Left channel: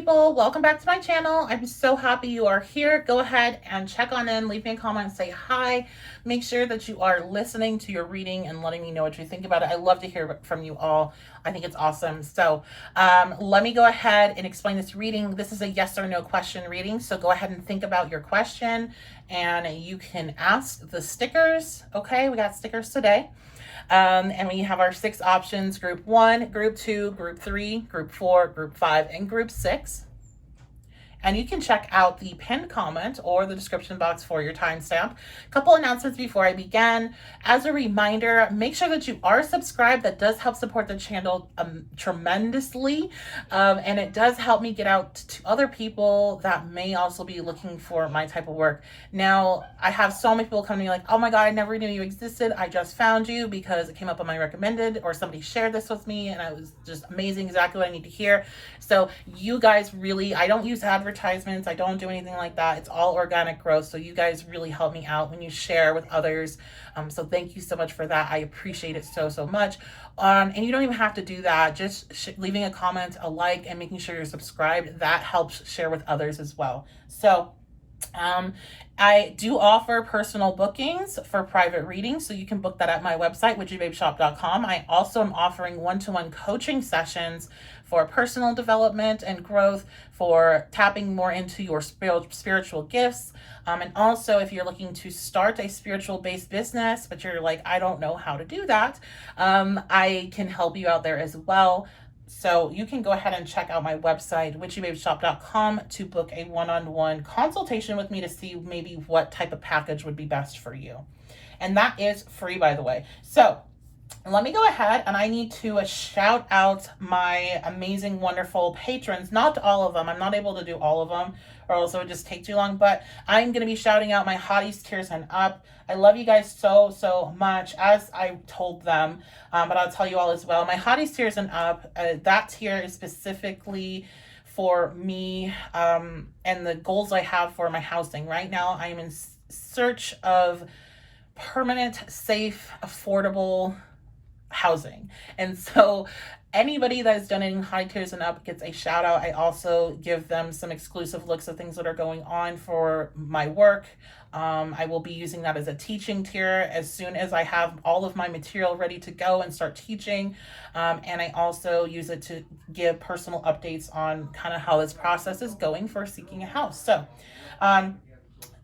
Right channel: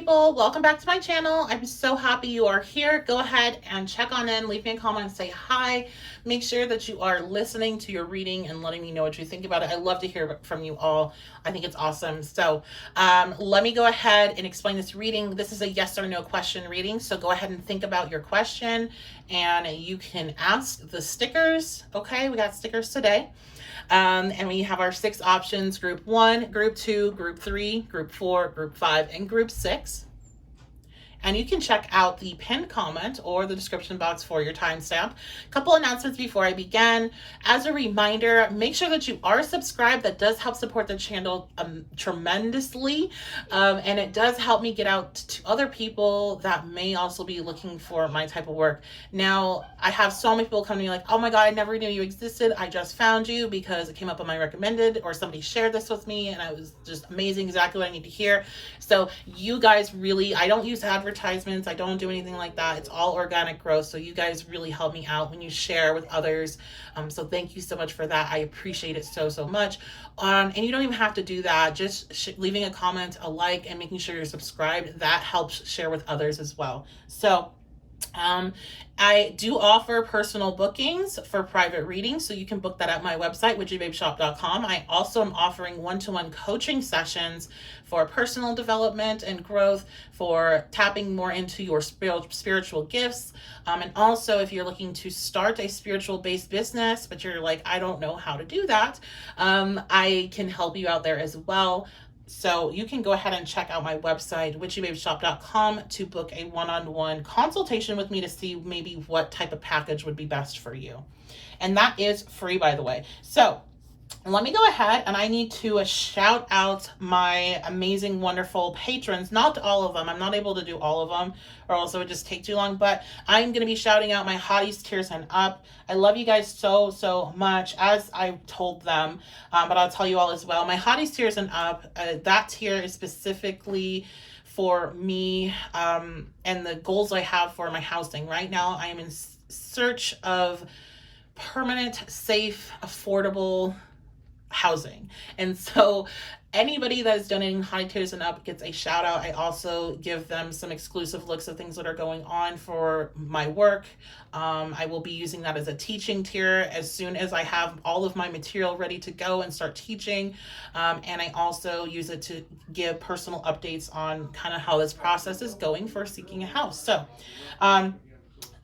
people, welcome back to my channel. I'm so happy you are here. Go ahead and check on in, leave me a comment and say hi. Make sure that you are listening to your reading and letting me know what you think about it. I love to hear from you all. I think it's awesome. So let me go ahead and explain this reading. This is a yes or no question reading, so go ahead and think about your question and you can ask the stickers. Okay, we got stickers today. And we have our 6 options: group 1, group 2, group 3, group 4, group 5, and group 6. And you can check out the pinned comment or the description box for your timestamp. A couple announcements before I begin. As a reminder, make sure that you are subscribed. That does help support the channel tremendously. And it does help me get out to other people that may also be looking for my type of work. Now, I have so many people come to me like, oh my God, I never knew you existed. I just found you because it came up on my recommended, or somebody shared this with me and I was just amazing, exactly what I need to hear. So you guys really, I don't use advertisements. I don't do anything like that. It's all organic growth. So you guys really help me out when you share with others. So thank you so much for that. I appreciate it so, so much. And you don't even have to do that. Just leaving a comment, a like, and making sure you're subscribed. That helps share with others as well. So I do offer personal bookings for private readings, so you can book that at my website, witchybabeshop.com. I also am offering one-to-one coaching sessions for personal development and growth, for tapping more into your spiritual gifts. And also, if you're looking to start a spiritual-based business, but you're like, I don't know how to do that, I can help you out there as well. So you can go ahead and check out my website, witchybabeshop.com, to book a one-on-one consultation with me to see maybe what type of package would be best for you. And that is free, by the way. So let me go ahead, and I need to shout out my amazing, wonderful patrons. Not all of them. I'm not able to do all of them, or else it would just take too long. But I'm going to be shouting out my hotties, tiers, and up. I love you guys so, so much, as I told them. But I'll tell you all as well. My hotties, tiers, and up, that tier is specifically for me and the goals I have for my housing. Right now, I am in search of permanent, safe, affordable housing. And so anybody that is donating high tiers and up gets a shout out. I also give them some exclusive looks of things that are going on for my work. I will be using that as a teaching tier as soon as I have all of my material ready to go and start teaching. And I also use it to give personal updates on kind of how this process is going for seeking a house. So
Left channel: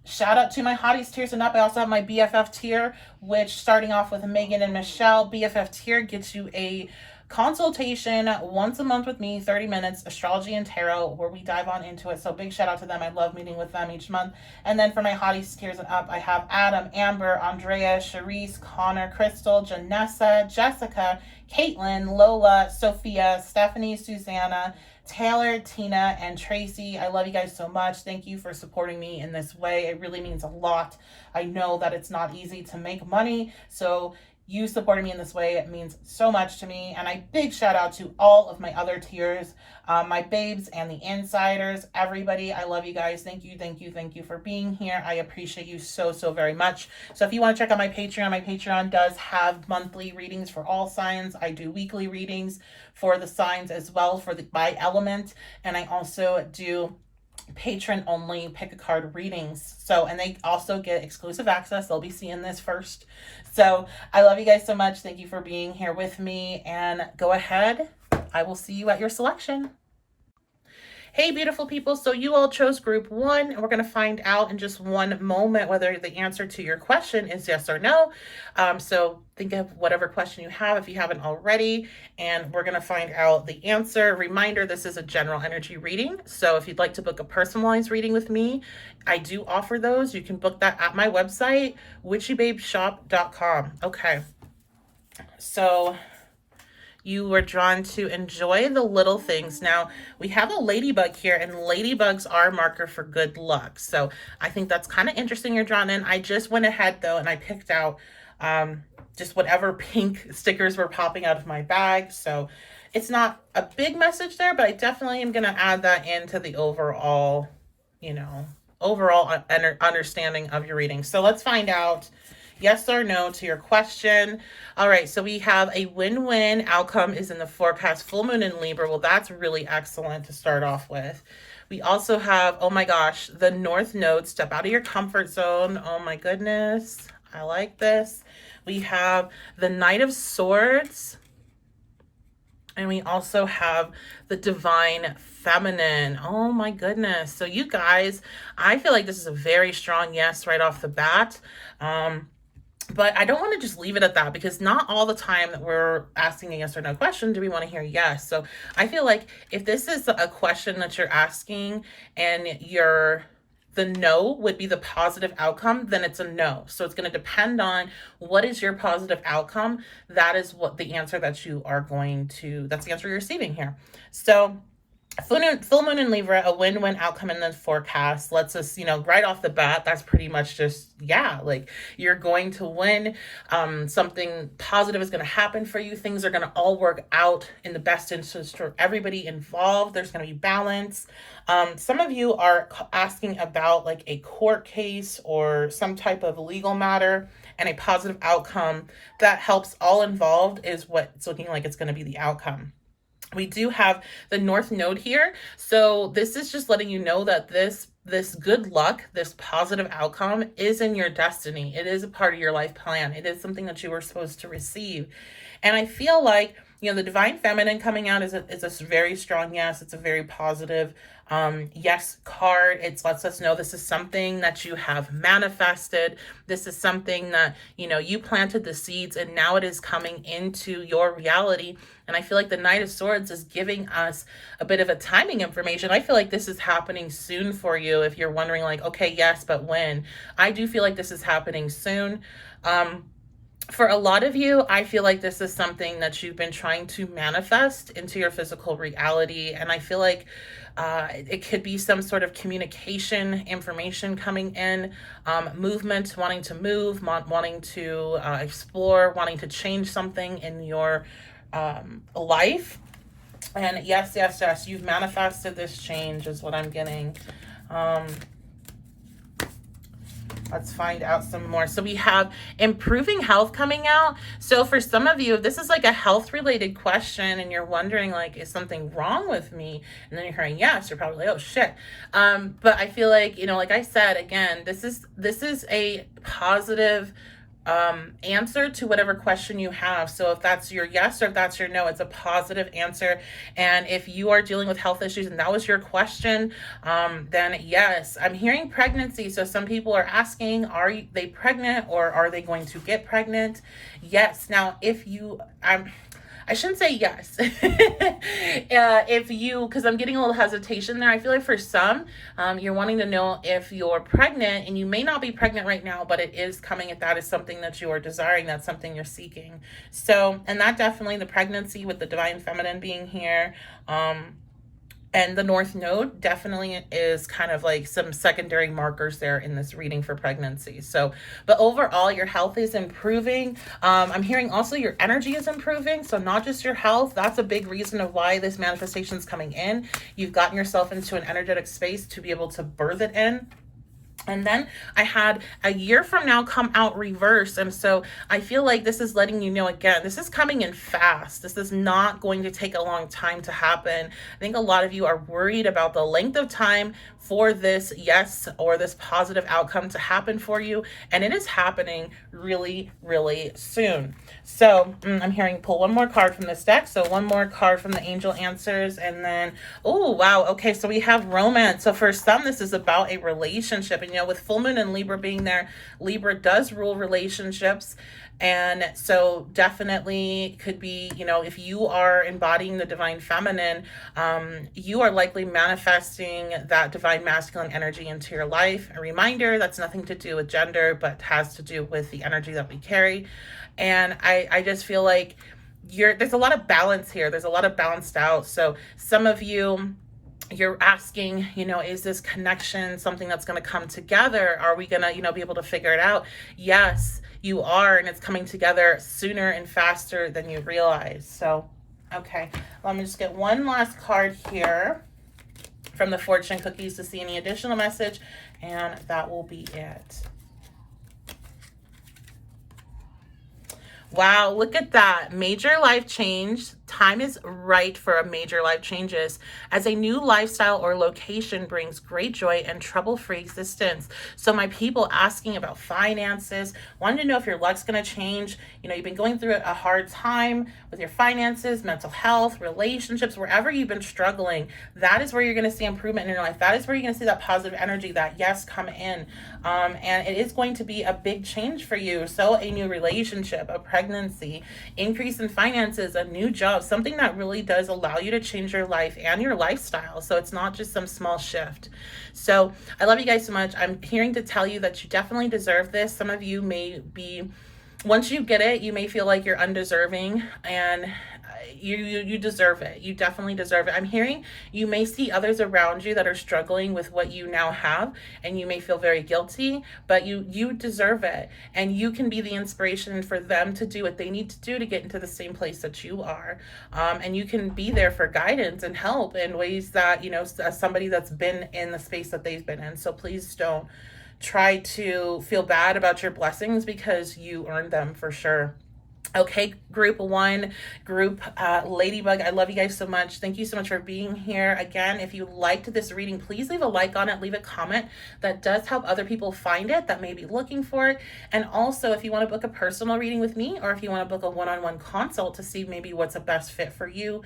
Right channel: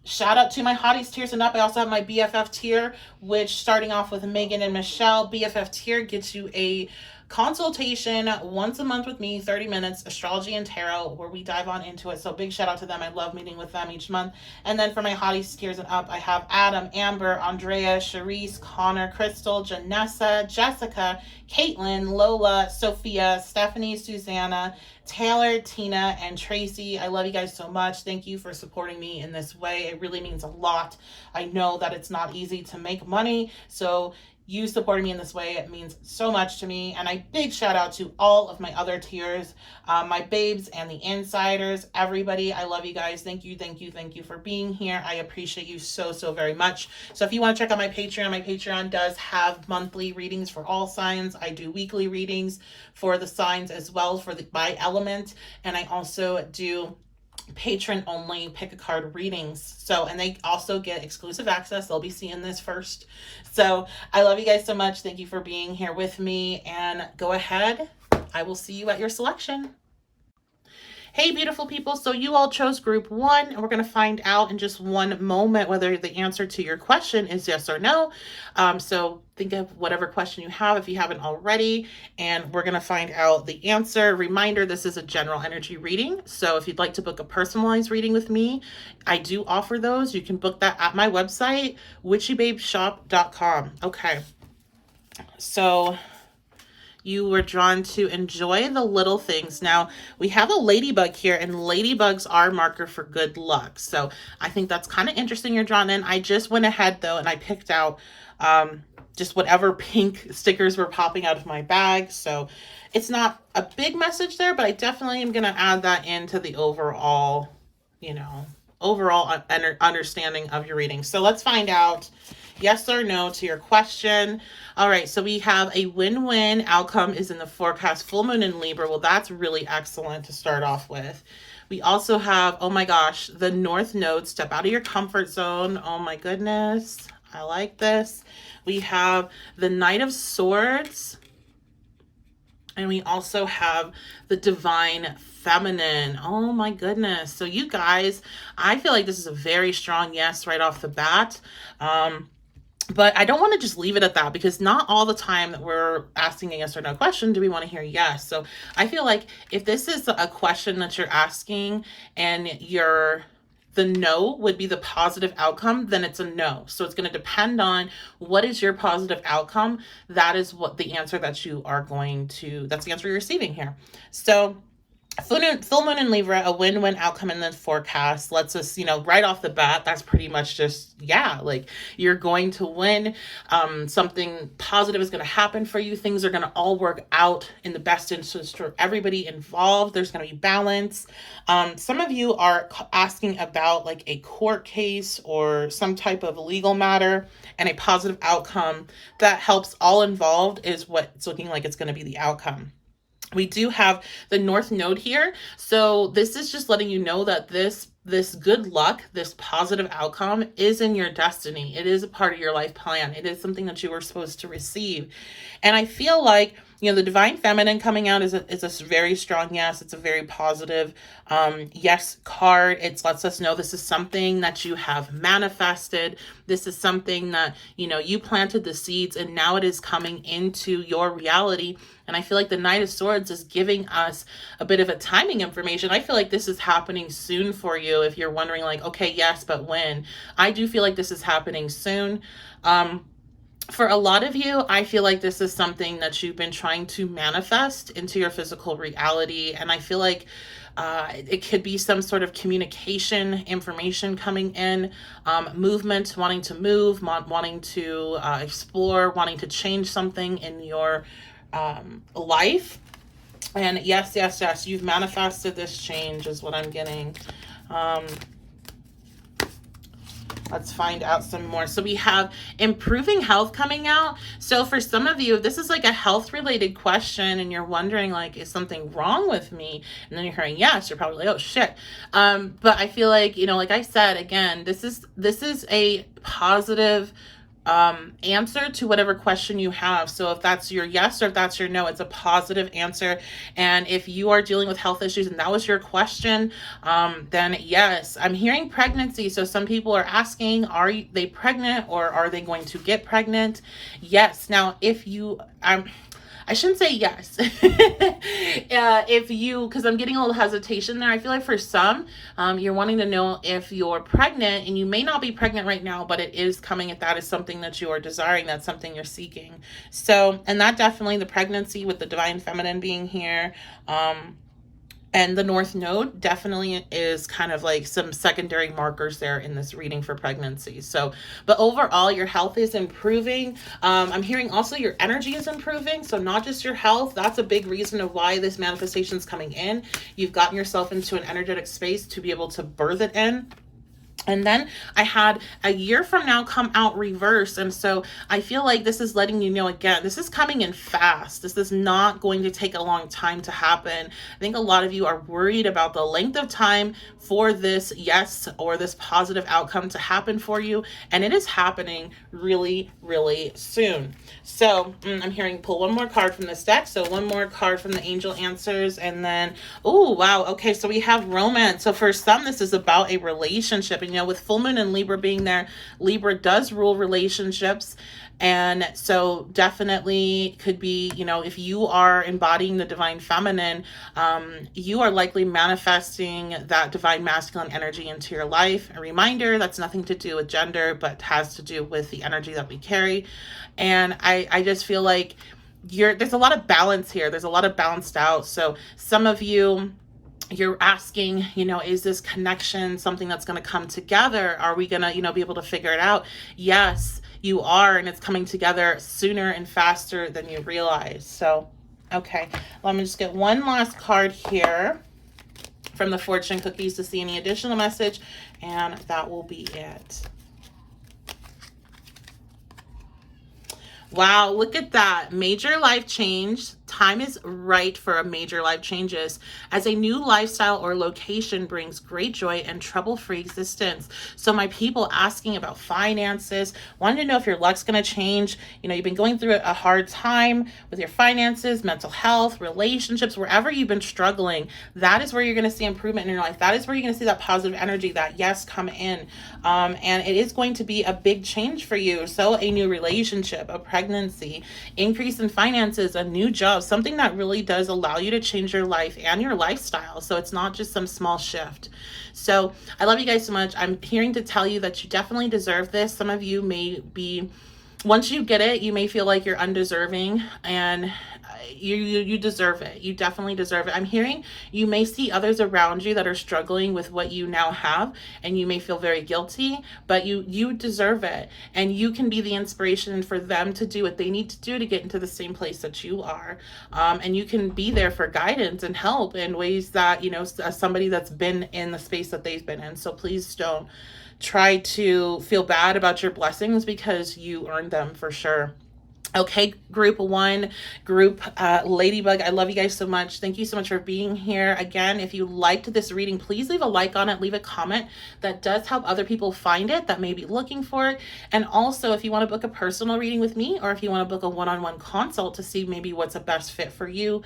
shout out to my hotties, tiers, and up. I also have my BFF tier, which, starting off with Megan and Michelle, BFF tier gets you a consultation once a month with me, 30 minutes, astrology and tarot, where we dive on into it. So big shout out to them. I love meeting with them each month. And then for my hotties, tiers, and up, I have Adam, Amber, Andrea, Charisse, Connor, Crystal, Janessa, Jessica, Caitlin, Lola, Sophia, Stephanie, Susanna, Taylor, Tina, and Tracy. I love you guys so much. Thank you for supporting me in this way. It really means a lot. I know that it's not easy to make money, so you supporting me in this way, it means so much to me. And a big shout out to all of my other tiers, my babes and the insiders, everybody. I love you guys. Thank you, thank you, thank you for being here. I appreciate you so, so very much. So if you want to check out my Patreon does have monthly readings for all signs. I do weekly readings for the signs as well, for the by element. And I also do patron only pick a card readings. So, and they also get exclusive access. They'll be seeing this first. So I love you guys so much. Thank you for being here with me, and go ahead. I will see you at your selection. Hey, beautiful people. So you all chose group 1, and we're going to find out in just one moment whether the answer to your question is yes or no. So think of whatever question you have if you haven't already, and we're going to find out the answer. Reminder, this is a general energy reading. So if you'd like to book a personalized reading with me, I do offer those. You can book that at my website, witchybabeshop.com. Okay. So you were drawn to enjoy the little things. Now, we have a ladybug here, and ladybugs are a marker for good luck. So I think that's kind of interesting you're drawn in. I just went ahead, though, and I picked out just whatever pink stickers were popping out of my bag. So it's not a big message there, but I definitely am going to add that into the overall, overall understanding of your reading. So let's find out yes or no to your question. All right, so we have a win-win outcome is in the forecast. Full moon in Libra. Well, that's really excellent to start off with. We also have, oh my gosh, the North Node. Step out of your comfort zone. Oh my goodness. I like this. We have the Knight of Swords. And we also have the Divine Feminine. Oh my goodness. So you guys, I feel like this is a very strong yes right off the bat. But I don't want to just leave it at that, because not all the time that we're asking a yes or no question do we want to hear yes. So I feel like if this is a question that you're asking and the no would be the positive outcome, then it's a no. So it's going to depend on what is your positive outcome. That is what the answer that you are that's the answer you're receiving here. So full moon in Libra, a win-win outcome in the forecast lets us, right off the bat, that's pretty much just, yeah, like you're going to win. Something positive is going to happen for you. Things are going to all work out in the best interest for everybody involved. There's going to be balance. Some of you are asking about like a court case or some type of legal matter, and a positive outcome that helps all involved is what it's looking like it's going to be the outcome. We do have the North Node here. So this is just letting you know that this good luck, this positive outcome is in your destiny. It is a part of your life plan. It is something that you were supposed to receive. And I feel like, the Divine Feminine coming out is a very strong yes. It's a very positive yes card. It lets us know this is something that you have manifested. This is something that, you planted the seeds and now it is coming into your reality. And I feel like the Knight of Swords is giving us a bit of a timing information. I feel like this is happening soon for you. If you're wondering like, okay, yes, but when? I do feel like this is happening soon. For a lot of you, I feel like this is something that you've been trying to manifest into your physical reality. And I feel like it could be some sort of communication, information coming in, movement, wanting to move, wanting to explore, wanting to change something in your life. And yes, you've manifested this change is what I'm getting. Let's find out some more. So we have improving health coming out. So for some of you, if this is like a health related question and you're wondering like, is something wrong with me? And then you're hearing yes, you're probably like, oh shit. But I feel like, like I said, again, this is a positive answer to whatever question you have. So if that's your yes or if that's your no, it's a positive answer. And if you are dealing with health issues and that was your question, then yes. I'm hearing pregnancy. So some people are asking, are they pregnant or are they going to get pregnant? Yes. Now, if you, I shouldn't say yes. Because I'm getting a little hesitation there. I feel like for some, you're wanting to know if you're pregnant, and you may not be pregnant right now, but it is coming, if that is something that you are desiring, that's something you're seeking. So, and that definitely, the pregnancy with the Divine Feminine being here, and the North Node definitely is kind of like some secondary markers there in this reading for pregnancy. So, but overall, your health is improving. I'm hearing also your energy is improving. So not just your health, that's a big reason of why this manifestation is coming in. You've gotten yourself into an energetic space to be able to birth it in. And then I had a year from now come out reverse. And so I feel like this is letting you know, again, this is coming in fast. This is not going to take a long time to happen. I think a lot of you are worried about the length of time for this yes or this positive outcome to happen for you. And it is happening really, really soon. So I'm hearing pull one more card from this deck. So one more card from the angel answers. And then, oh, wow. Okay. So we have romance. So for some, this is about a relationship. And, with full moon and Libra being there, Libra does rule relationships. And so definitely could be, if you are embodying the Divine Feminine, you are likely manifesting that Divine Masculine energy into your life. A reminder, that's nothing to do with gender, but has to do with the energy that we carry. And I just feel like there's a lot of balance here. There's a lot of balanced out. So some of you, you're asking, is this connection something that's going to come together? Are we going to, be able to figure it out? Yes, you are. And it's coming together sooner and faster than you realize. So, okay, let me just get one last card here from the fortune cookies to see any additional message. And that will be it. Wow, look at that. Major life change. Time is right for a major life changes as a new lifestyle or location brings great joy and trouble-free existence. So my people asking about finances, wanting to know if your luck's going to change. You know, you've been going through a hard time with your finances, mental health, relationships, wherever you've been struggling. That is where you're going to see improvement in your life. That is where you're going to see that positive energy, that yes, come in. And it is going to be a big change for you. So a new relationship, a pregnancy, increase in finances, a new job, something that really does allow you to change your life and your lifestyle. So it's not just some small shift. So I love you guys so much. I'm hearing to tell you that you definitely deserve this. Some of you may be, once you get it, you may feel like you're undeserving, and you deserve it. You definitely deserve it. I'm hearing you may see others around you that are struggling with what you now have, and you may feel very guilty, but you deserve it, and you can be the inspiration for them to do what they need to do to get into the same place that you are. And you can be there for guidance and help in ways that, you know, as somebody that's been in the space that they've been in. So please don't try to feel bad about your blessings, because you earned them for sure. Okay, group one, group Ladybug, I love you guys so much. Thank you so much for being here. Again, if you liked this reading, please leave a like on it, leave a comment. That does help other people find it that may be looking for it. And also, if you want to book a personal reading with me, or if you want to book a one-on-one consult to see maybe what's a best fit for you,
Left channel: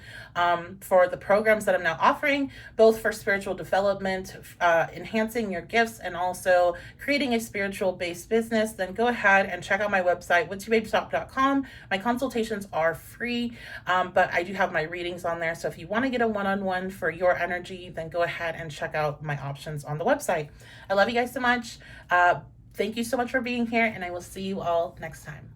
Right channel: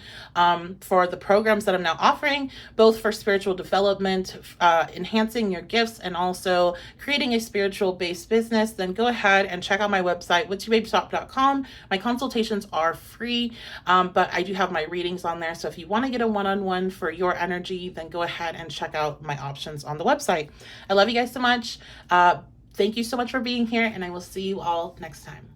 for the programs that I'm now offering, both for spiritual development, enhancing your gifts, and also creating a spiritual based business, then go ahead and check out my website, witchybabeshop.com. My consultations are free, but I do have my readings on there. So if you want to get a one-on-one for your energy, then go ahead and check out my options on the website. I love you guys so much. Thank you so much for being here, and I will see you all next time.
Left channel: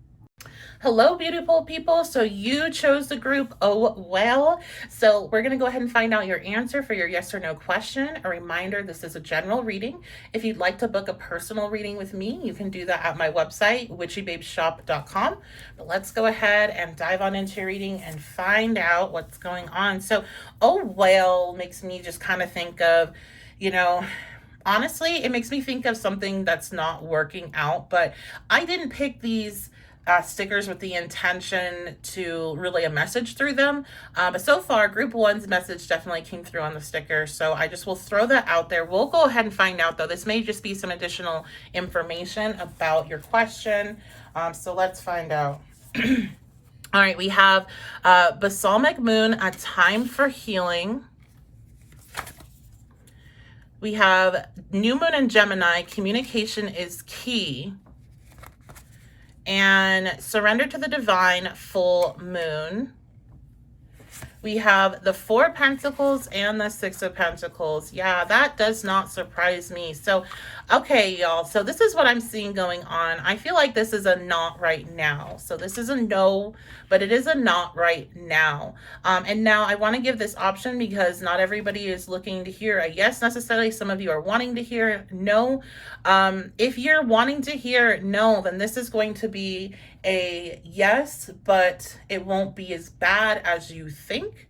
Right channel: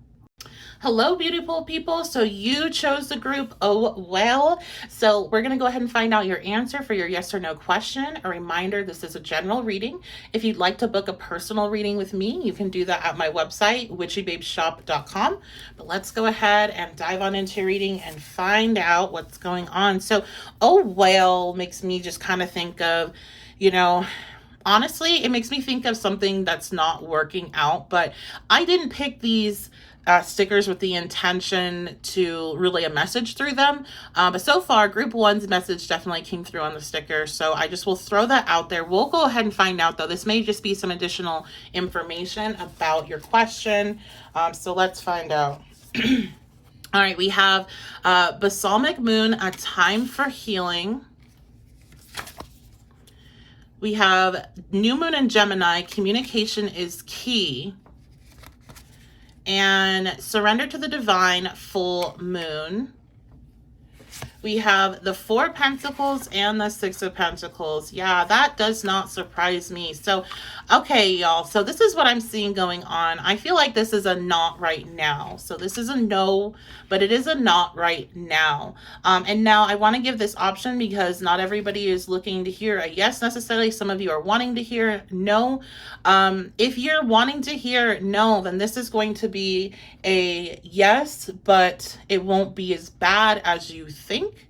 Hello, beautiful people. So you chose the group Oh Well. So we're going to go ahead and find out your answer for your yes or no question. A reminder, this is a general reading. If you'd like to book a personal reading with me, you can do that at my website, witchybabeshop.com. But let's go ahead and dive on into your reading and find out what's going on. So Oh Well makes me just kind of think of, you know, honestly, it makes me think of something that's not working out, but I didn't pick these stickers with the intention to relay a message through them. But so far, group one's message definitely came through on the sticker. So I just will throw that out there. We'll go ahead and find out, though. This may just be some additional information about your question. So let's find out. All right, we have Balsamic Moon, a time for healing. We have New Moon in Gemini, communication is key. And Surrender to the Divine, full moon. We have the Four of Pentacles and the Six of Pentacles. Yeah, that does not surprise me. So, okay, y'all. So this is what I'm seeing going on. I feel like this is a not right now. So this is a no, but it is a not right now. And now I want to give this option because not everybody is looking to hear a yes necessarily. Some of you are wanting to hear no. If you're wanting to hear no, then this is going to be a yes, but it won't be as bad as you think.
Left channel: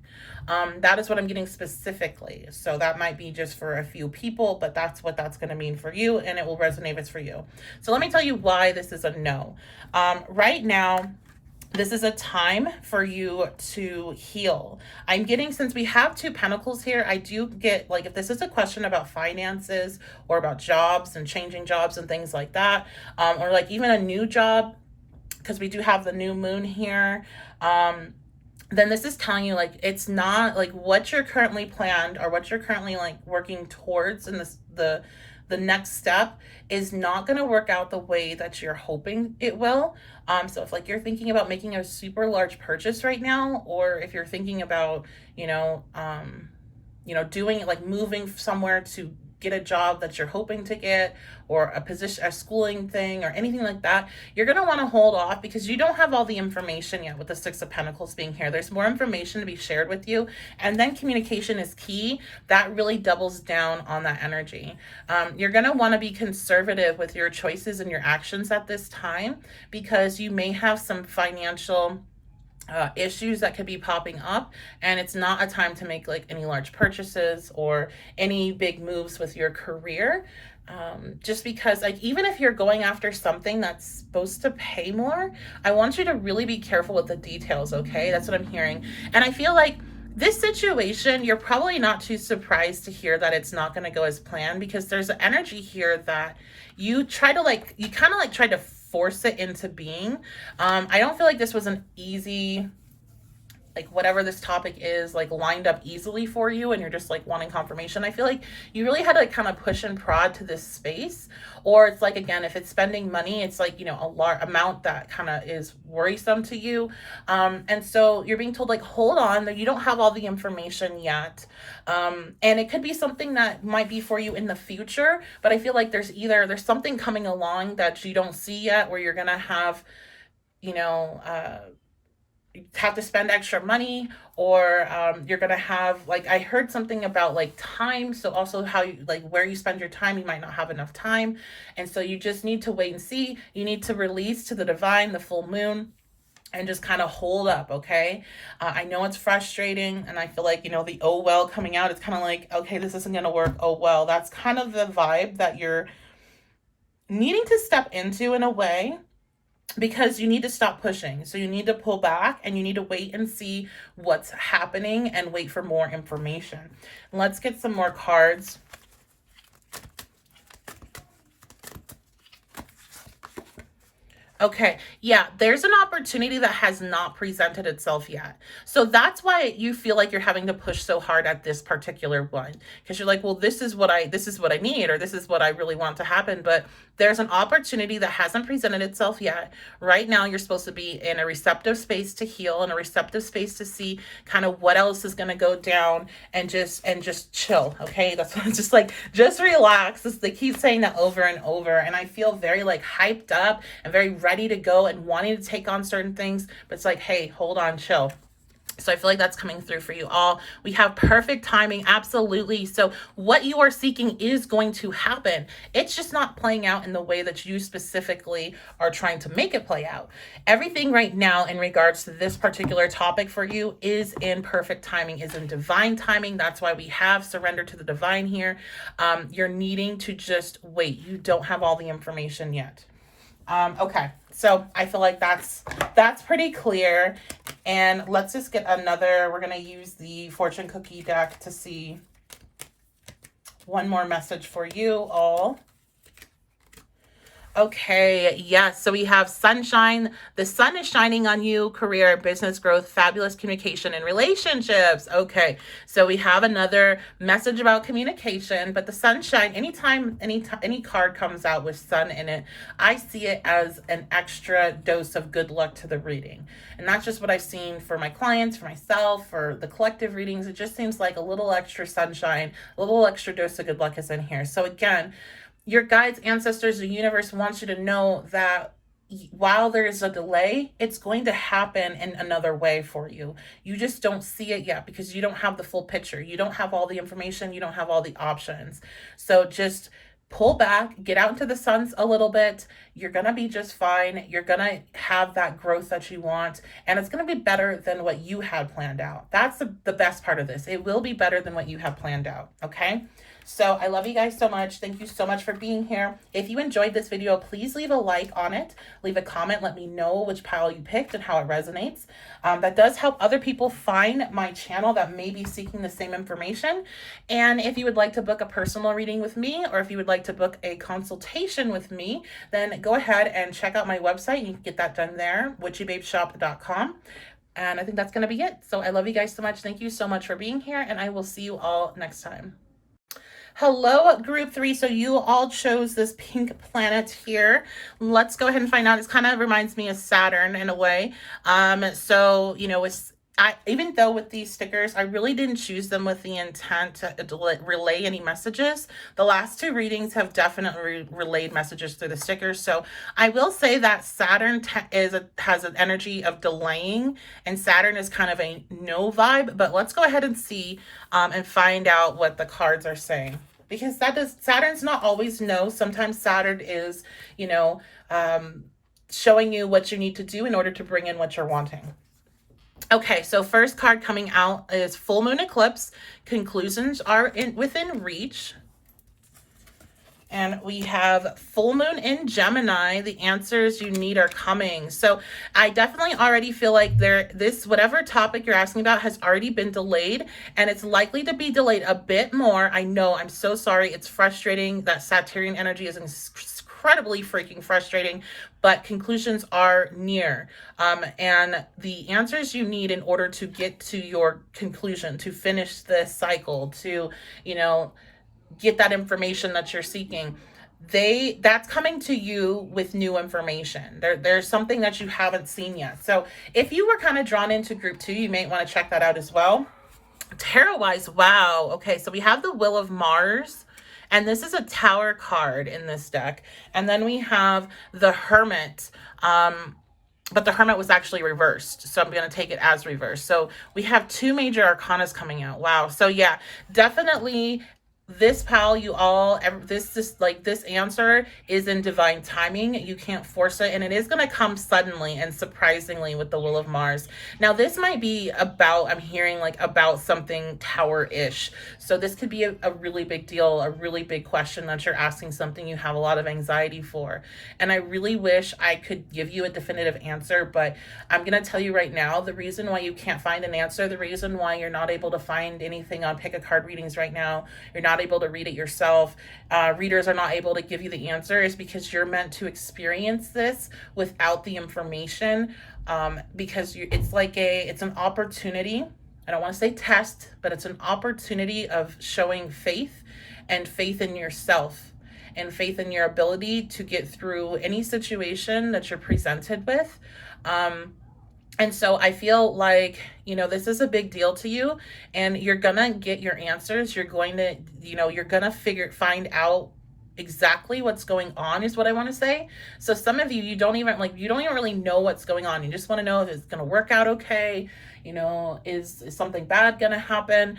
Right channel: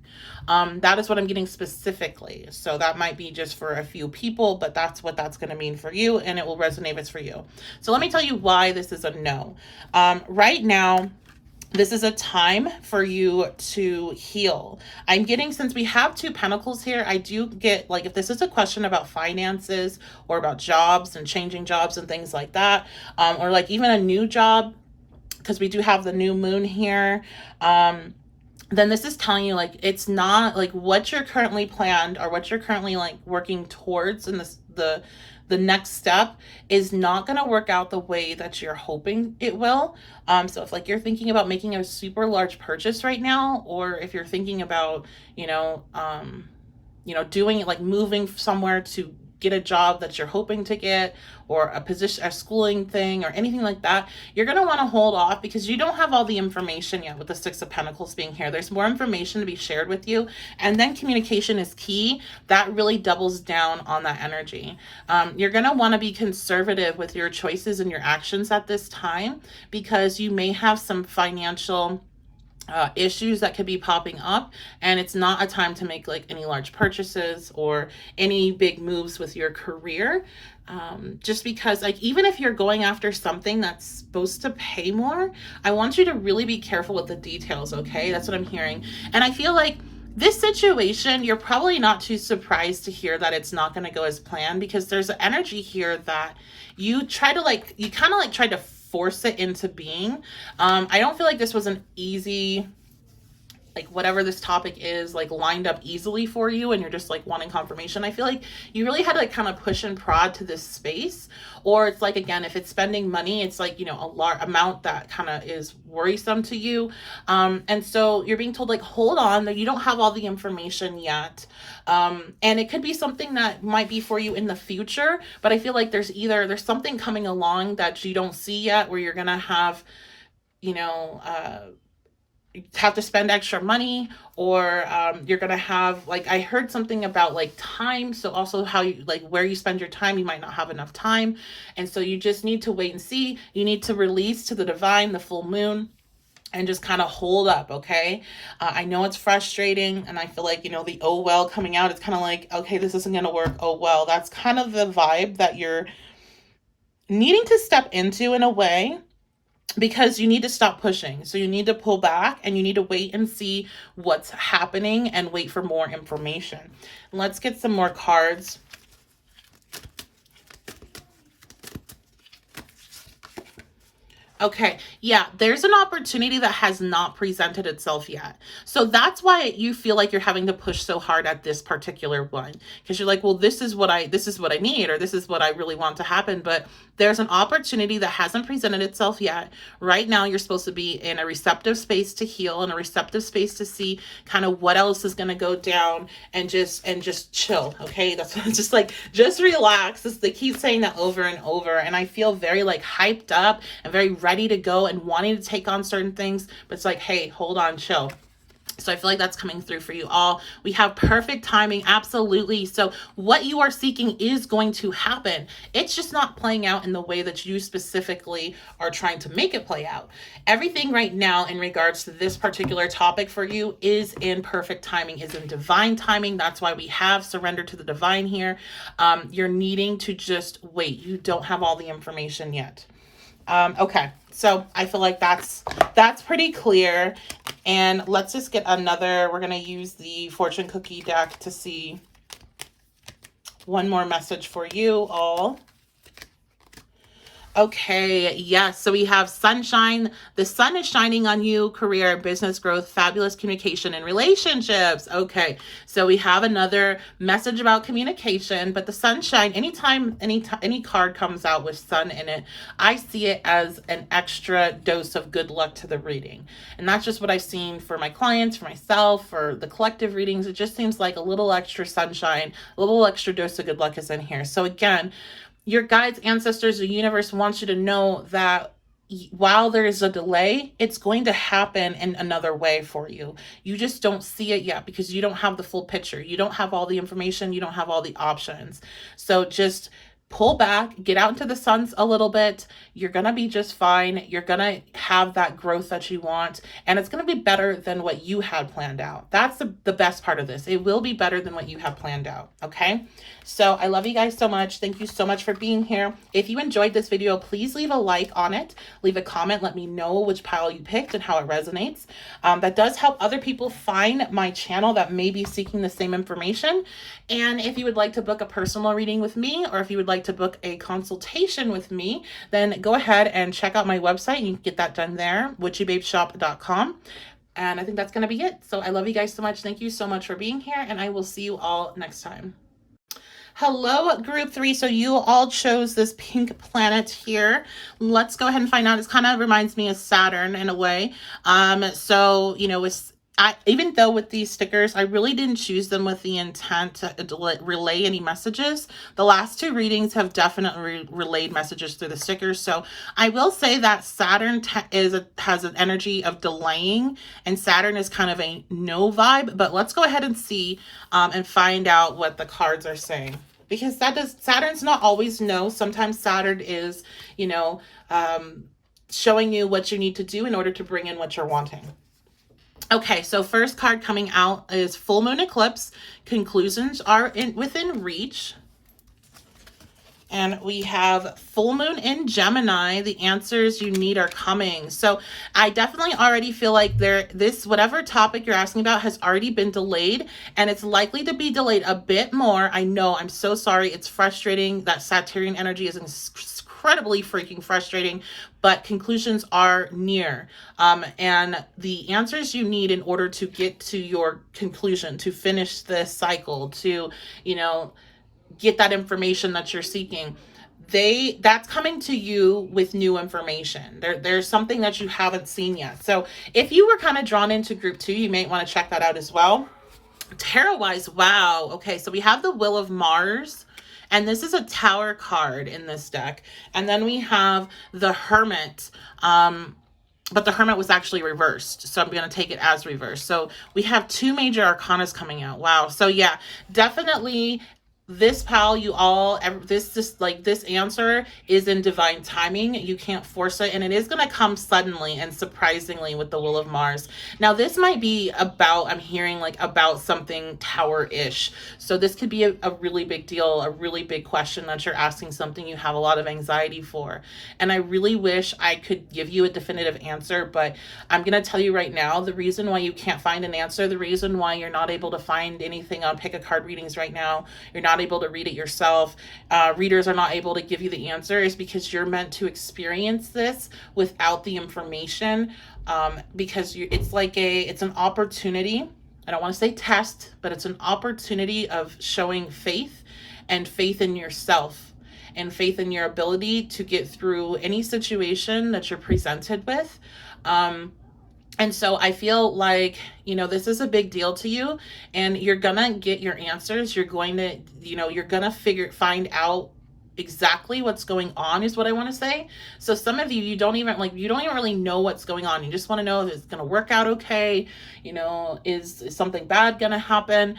That is what I'm getting specifically. So that might be just for a few people, but that's what that's going to mean for you, and it will resonate if it's for you. So let me tell you why this is a no. Right now, this is a time for you to heal. I'm getting, since we have two pentacles here, I do get, like, if this is a question about finances or about jobs and changing jobs and things like that, or like even a new job, because we do have the new moon here, then this is telling you, like, it's not like what you're currently planned or what you're currently like working towards in this, the next step is not going to work out the way that you're hoping it will. So if like you're thinking about making a super large purchase right now, or if you're thinking about, doing like moving somewhere to get a job that you're hoping to get, or a position, a schooling thing, or anything like that, you're going to want to hold off because you don't have all the information yet with the Six of Pentacles being here. There's more information to be shared with you. And then communication is key. That really doubles down on that energy. You're going to want to be conservative with your choices and your actions at this time because you may have some financial issues that could be popping up, and it's not a time to make like any large purchases or any big moves with your career. Just because, like, even if you're going after something that's supposed to pay more, I want you to really be careful with the details, okay? That's what I'm hearing. And I feel like this situation, you're probably not too surprised to hear that it's not going to go as planned, because there's an energy here that you kind of like tried to force it into being. I don't feel like this was an easy, like, whatever this topic is, like, lined up easily for you and you're just like wanting confirmation. I feel like you really had to like kind of push and prod to this space. Or it's like, again, if it's spending money, it's like, you know, a large amount that kind of is worrisome to you. And so you're being told, like, hold on, that you don't have all the information yet. And it could be something that might be for you in the future, but I feel like there's something coming along that you don't see yet, where you're gonna have, you know, have to spend extra money, or you're gonna have, like, I heard something about like time, so also how you, like, where you spend your time, you might not have enough time, and so you just need to wait and see. You need to release to the divine, the full moon, and just kind of hold up, okay? I know it's frustrating, and I feel like, you know, the oh well coming out, it's kind of like, okay, this isn't gonna work, oh well. That's kind of the vibe that you're needing to step into in a way, because you need to stop pushing. So you need to pull back and you need to wait and see what's happening and wait for more information. Let's get some more cards. Okay, yeah, there's an opportunity that has not presented itself yet. So that's why you feel like you're having to push so hard at this particular one, because you're like, well, this is what I need, or this is what I really want to happen. But there's an opportunity that hasn't presented itself yet. Right now, you're supposed to be in a receptive space to heal, and a receptive space to see kind of what else is going to go down, and just chill. Okay, that's what, just like, just relax. They keep saying that over and over, and I feel very like hyped up and very ready to go and wanting to take on certain things, but it's like, hey, hold on, chill. So I feel like that's coming through for you all. We have perfect timing, absolutely. So what you are seeking is going to happen. It's just not playing out in the way that you specifically are trying to make it play out. Everything right now in regards to this particular topic for you is in perfect timing, is in divine timing. That's why we have surrender to the divine here. You're needing to just wait. You don't have all the information yet. Okay, so I feel like that's pretty clear. And let's just get another, we're going to use the fortune cookie deck to see one more message for you all. Okay, yes. So we have sunshine. The sun is shining on you, career, business growth, fabulous communication, and relationships. Okay, so we have another message about communication, but the sunshine, anytime any card comes out with sun in it, I see it as an extra dose of good luck to the reading. And that's just what I've seen for my clients, for myself, for the collective readings. It just seems like a little extra sunshine, a little extra dose of good luck is in here. So again, your guides, ancestors, the universe wants you to know that while there's a delay, it's going to happen in another way for you. You just don't see it yet because you don't have the full picture. You don't have all the information. You don't have all the options. So just pull back, get out into the suns a little bit. You're going to be just fine. You're going to have that growth that you want, and it's going to be better than what you had planned out. That's the best part of this. It will be better than what you have planned out. Okay. So I love you guys so much. Thank you so much for being here. If you enjoyed this video, please leave a like on it. Leave a comment. Let me know which pile you picked and how it resonates. That does help other people find my channel that may be seeking the same information. And if you would like to book a personal reading with me, or if you would like to book a consultation with me, then go ahead and check out my website. You can get that done there, witchybabeshop.com. And I think that's going to be it. So I love you guys so much. Thank you so much for being here, and I will see you all next time. Hello, group 3. So you all chose this pink planet here. Let's go ahead and find out. It kind of reminds me of Saturn in a way. So, you know, even though with these stickers, I really didn't choose them with the intent to relay any messages. The last 2 readings have definitely relayed messages through the stickers. So I will say that Saturn has an energy of delaying, and Saturn is kind of a no vibe. But let's go ahead and see and find out what the cards are saying. Because Saturn's not always no. Sometimes Saturn is, you know, showing you what you need to do in order to bring in what you're wanting. Okay, so first card coming out is full moon eclipse. Conclusions are within reach. And we have full moon in Gemini. The answers you need are coming. So I definitely already feel like this whatever topic you're asking about has already been delayed, and it's likely to be delayed a bit more. I know, I'm so sorry. It's frustrating. That Saturnian energy is incredibly freaking frustrating, but conclusions are near. And the answers you need in order to get to your conclusion, to finish this cycle, to, get that information that you're seeking, that's coming to you with new information. There's something that you haven't seen yet. So if you were kind of drawn into group 2, you may want to check that out as well. Tarot wise, wow. Okay, so we have the Wheel of Mars, and this is a Tower card in this deck. And then we have the Hermit, but the Hermit was actually reversed, so I'm going to take it as reversed. So we have 2 major arcanas coming out. Wow. So yeah, definitely this pal, this answer is in divine timing. You can't force it, and it is going to come suddenly and surprisingly with the Wheel of Mars. Now this might be I'm hearing about something Tower-ish. So this could be a really big deal, a really big question that you're asking, something you have a lot of anxiety for. And I really wish I could give you a definitive answer, but I'm going to tell you right now, the reason why you can't find an answer, the reason why you're not able to find anything on pick a card readings right now, you're not able to read it yourself, readers are not able to give you the answer, is because you're meant to experience this without the information, because it's an opportunity. I don't want to say test, but it's an opportunity of showing faith, and faith in yourself, and faith in your ability to get through any situation that you're presented with. And so I feel like, this is a big deal to you, and you're gonna get your answers. You're going to, you're gonna find out exactly what's going on, is what I want to say. So some of you, you don't even really know what's going on. You just want to know if it's going to work out okay. Is something bad going to happen?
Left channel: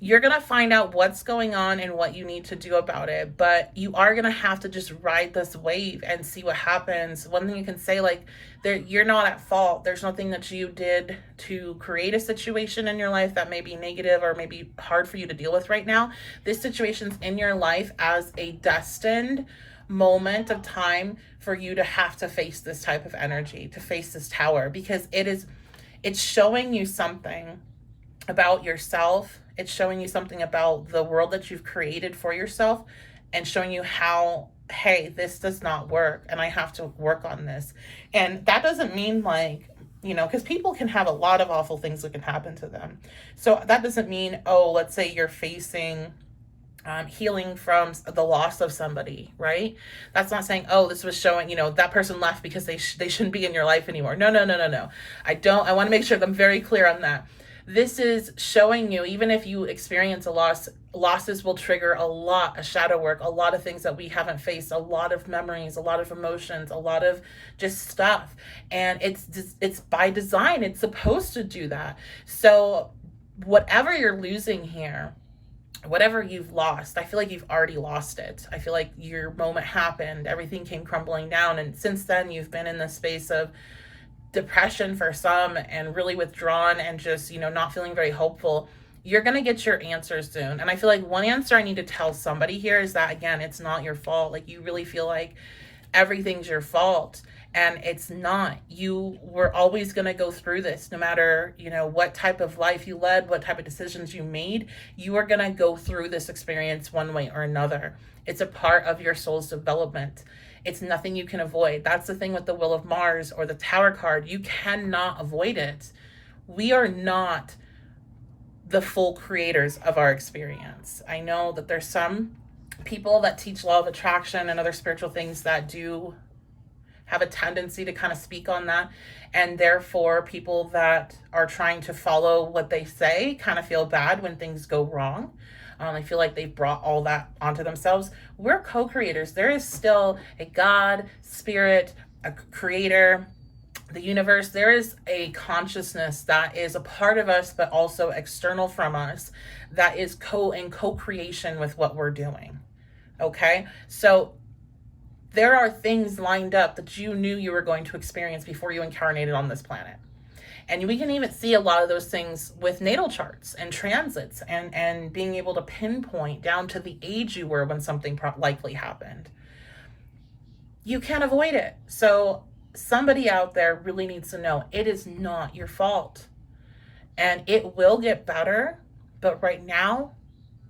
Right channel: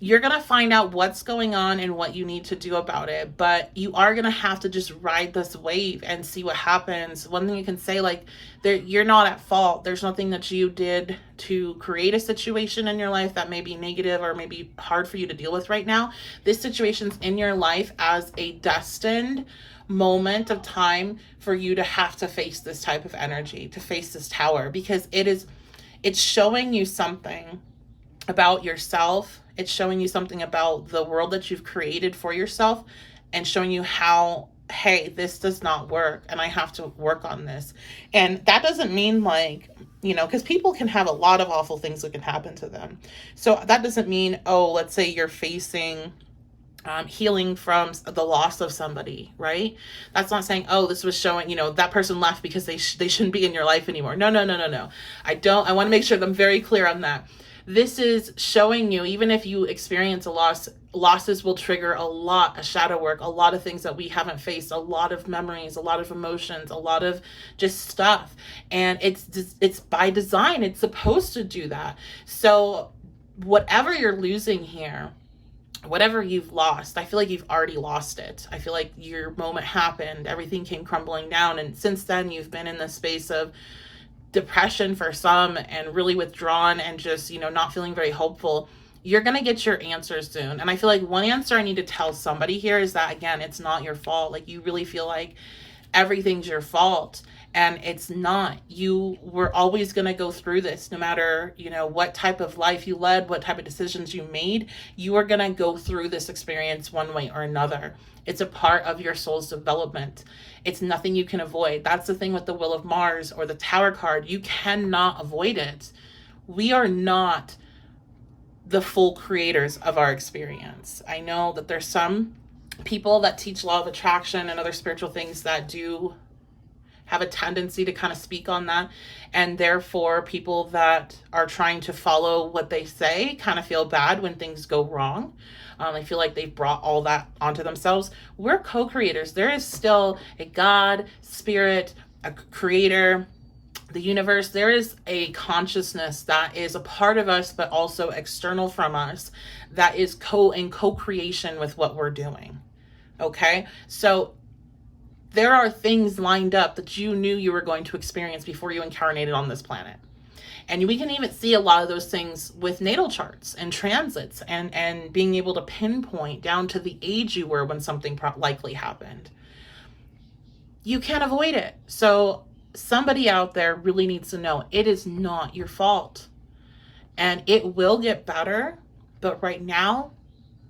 You're going to find out what's going on and what you need to do about it, but you are going to have to just ride this wave and see what happens. One thing you can say, you're not at fault. There's nothing that you did to create a situation in your life that may be negative or maybe hard for you to deal with right now. This situation's in your life as a destined moment of time for you to have to face this type of energy, to face this Tower, because it's showing you something about yourself. It's showing you something about the world that you've created for yourself, and showing you how, hey, this does not work and I have to work on this. And that doesn't mean because people can have a lot of awful things that can happen to them. So that doesn't mean, let's say you're facing healing from the loss of somebody, right? That's not saying, this was showing, that person left because they shouldn't be in your life anymore. No. I want to make sure that I'm very clear on that. This is showing you, even if you experience a loss, losses will trigger a shadow work, a lot of things that we haven't faced, a lot of memories, a lot of emotions, a lot of just stuff. And it's by design. It's supposed to do that. So whatever you're losing here, whatever you've lost, I feel like you've already lost it. I feel like your moment happened, everything came crumbling down. And since then, you've been in this space of depression for some, and really withdrawn, and just, not feeling very hopeful. You're going to get your answers soon. And I feel like one answer I need to tell somebody here is that, again, it's not your fault. You really feel like everything's your fault, and it's not. You were always going to go through this, no matter, what type of life you led, what type of decisions you made. You are going to go through this experience one way or another. It's a part of your soul's development. It's nothing you can avoid. That's the thing with the Wheel of Mars or the Tower card. You cannot avoid it. We are not the full creators of our experience. I know that there's some people that teach law of attraction and other spiritual things that do have a tendency to kind of speak on that, and therefore people that are trying to follow what they say kind of feel bad when things go wrong. I feel like they've brought all that onto themselves. We're co-creators. There is still a God, spirit, a creator, the universe. There is a consciousness that is a part of us, but also external from us, that is in co-creation with what we're doing. Okay? So there are things lined up that you knew you were going to experience before you incarnated on this planet. And we can even see a lot of those things with natal charts and transits, and being able to pinpoint down to the age you were when something likely happened. You can't avoid it. So somebody out there really needs to know it is not your fault, and it will get better. But right now,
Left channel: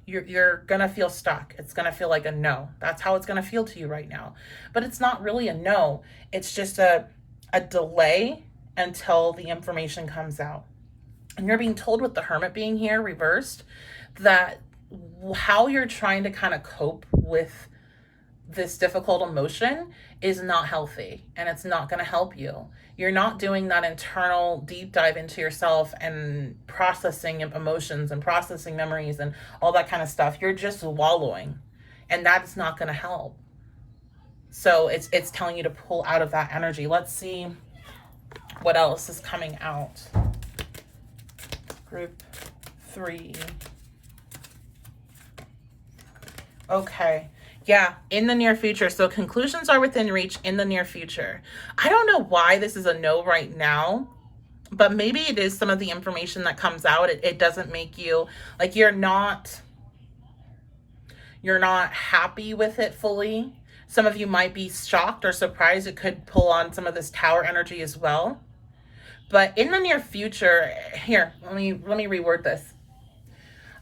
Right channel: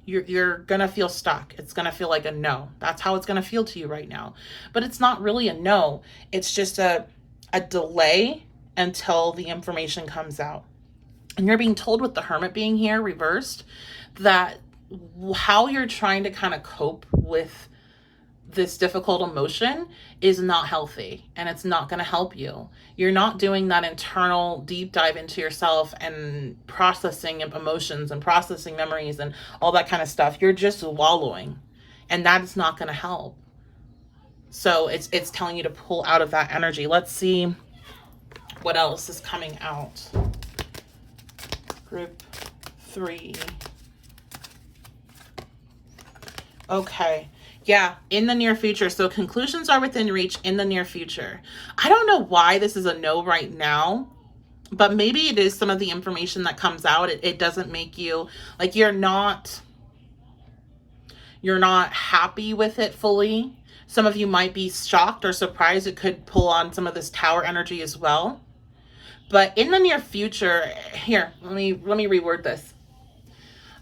you're gonna feel stuck. It's gonna feel like a no. That's how it's gonna feel to you right now. But it's not really a no. It's just a delay until the information comes out. And you're being told, with the Hermit being here reversed, that how you're trying to kind of cope with this difficult emotion is not healthy, and it's not going to help you. You're not doing that internal deep dive into yourself and processing emotions and processing memories and all that kind of stuff. You're just wallowing, and that is not going to help. So it's telling you to pull out of that energy. Let's see what else is coming out. Group 3. Okay. Yeah, in the near future. So conclusions are within reach in the near future. I don't know why this is a no right now, but maybe it is some of the information that comes out. It doesn't make you, like, you're not happy with it fully. Some of you might be shocked or surprised. It could pull on some of this Tower energy as well. But in the near future, here, let me reword this.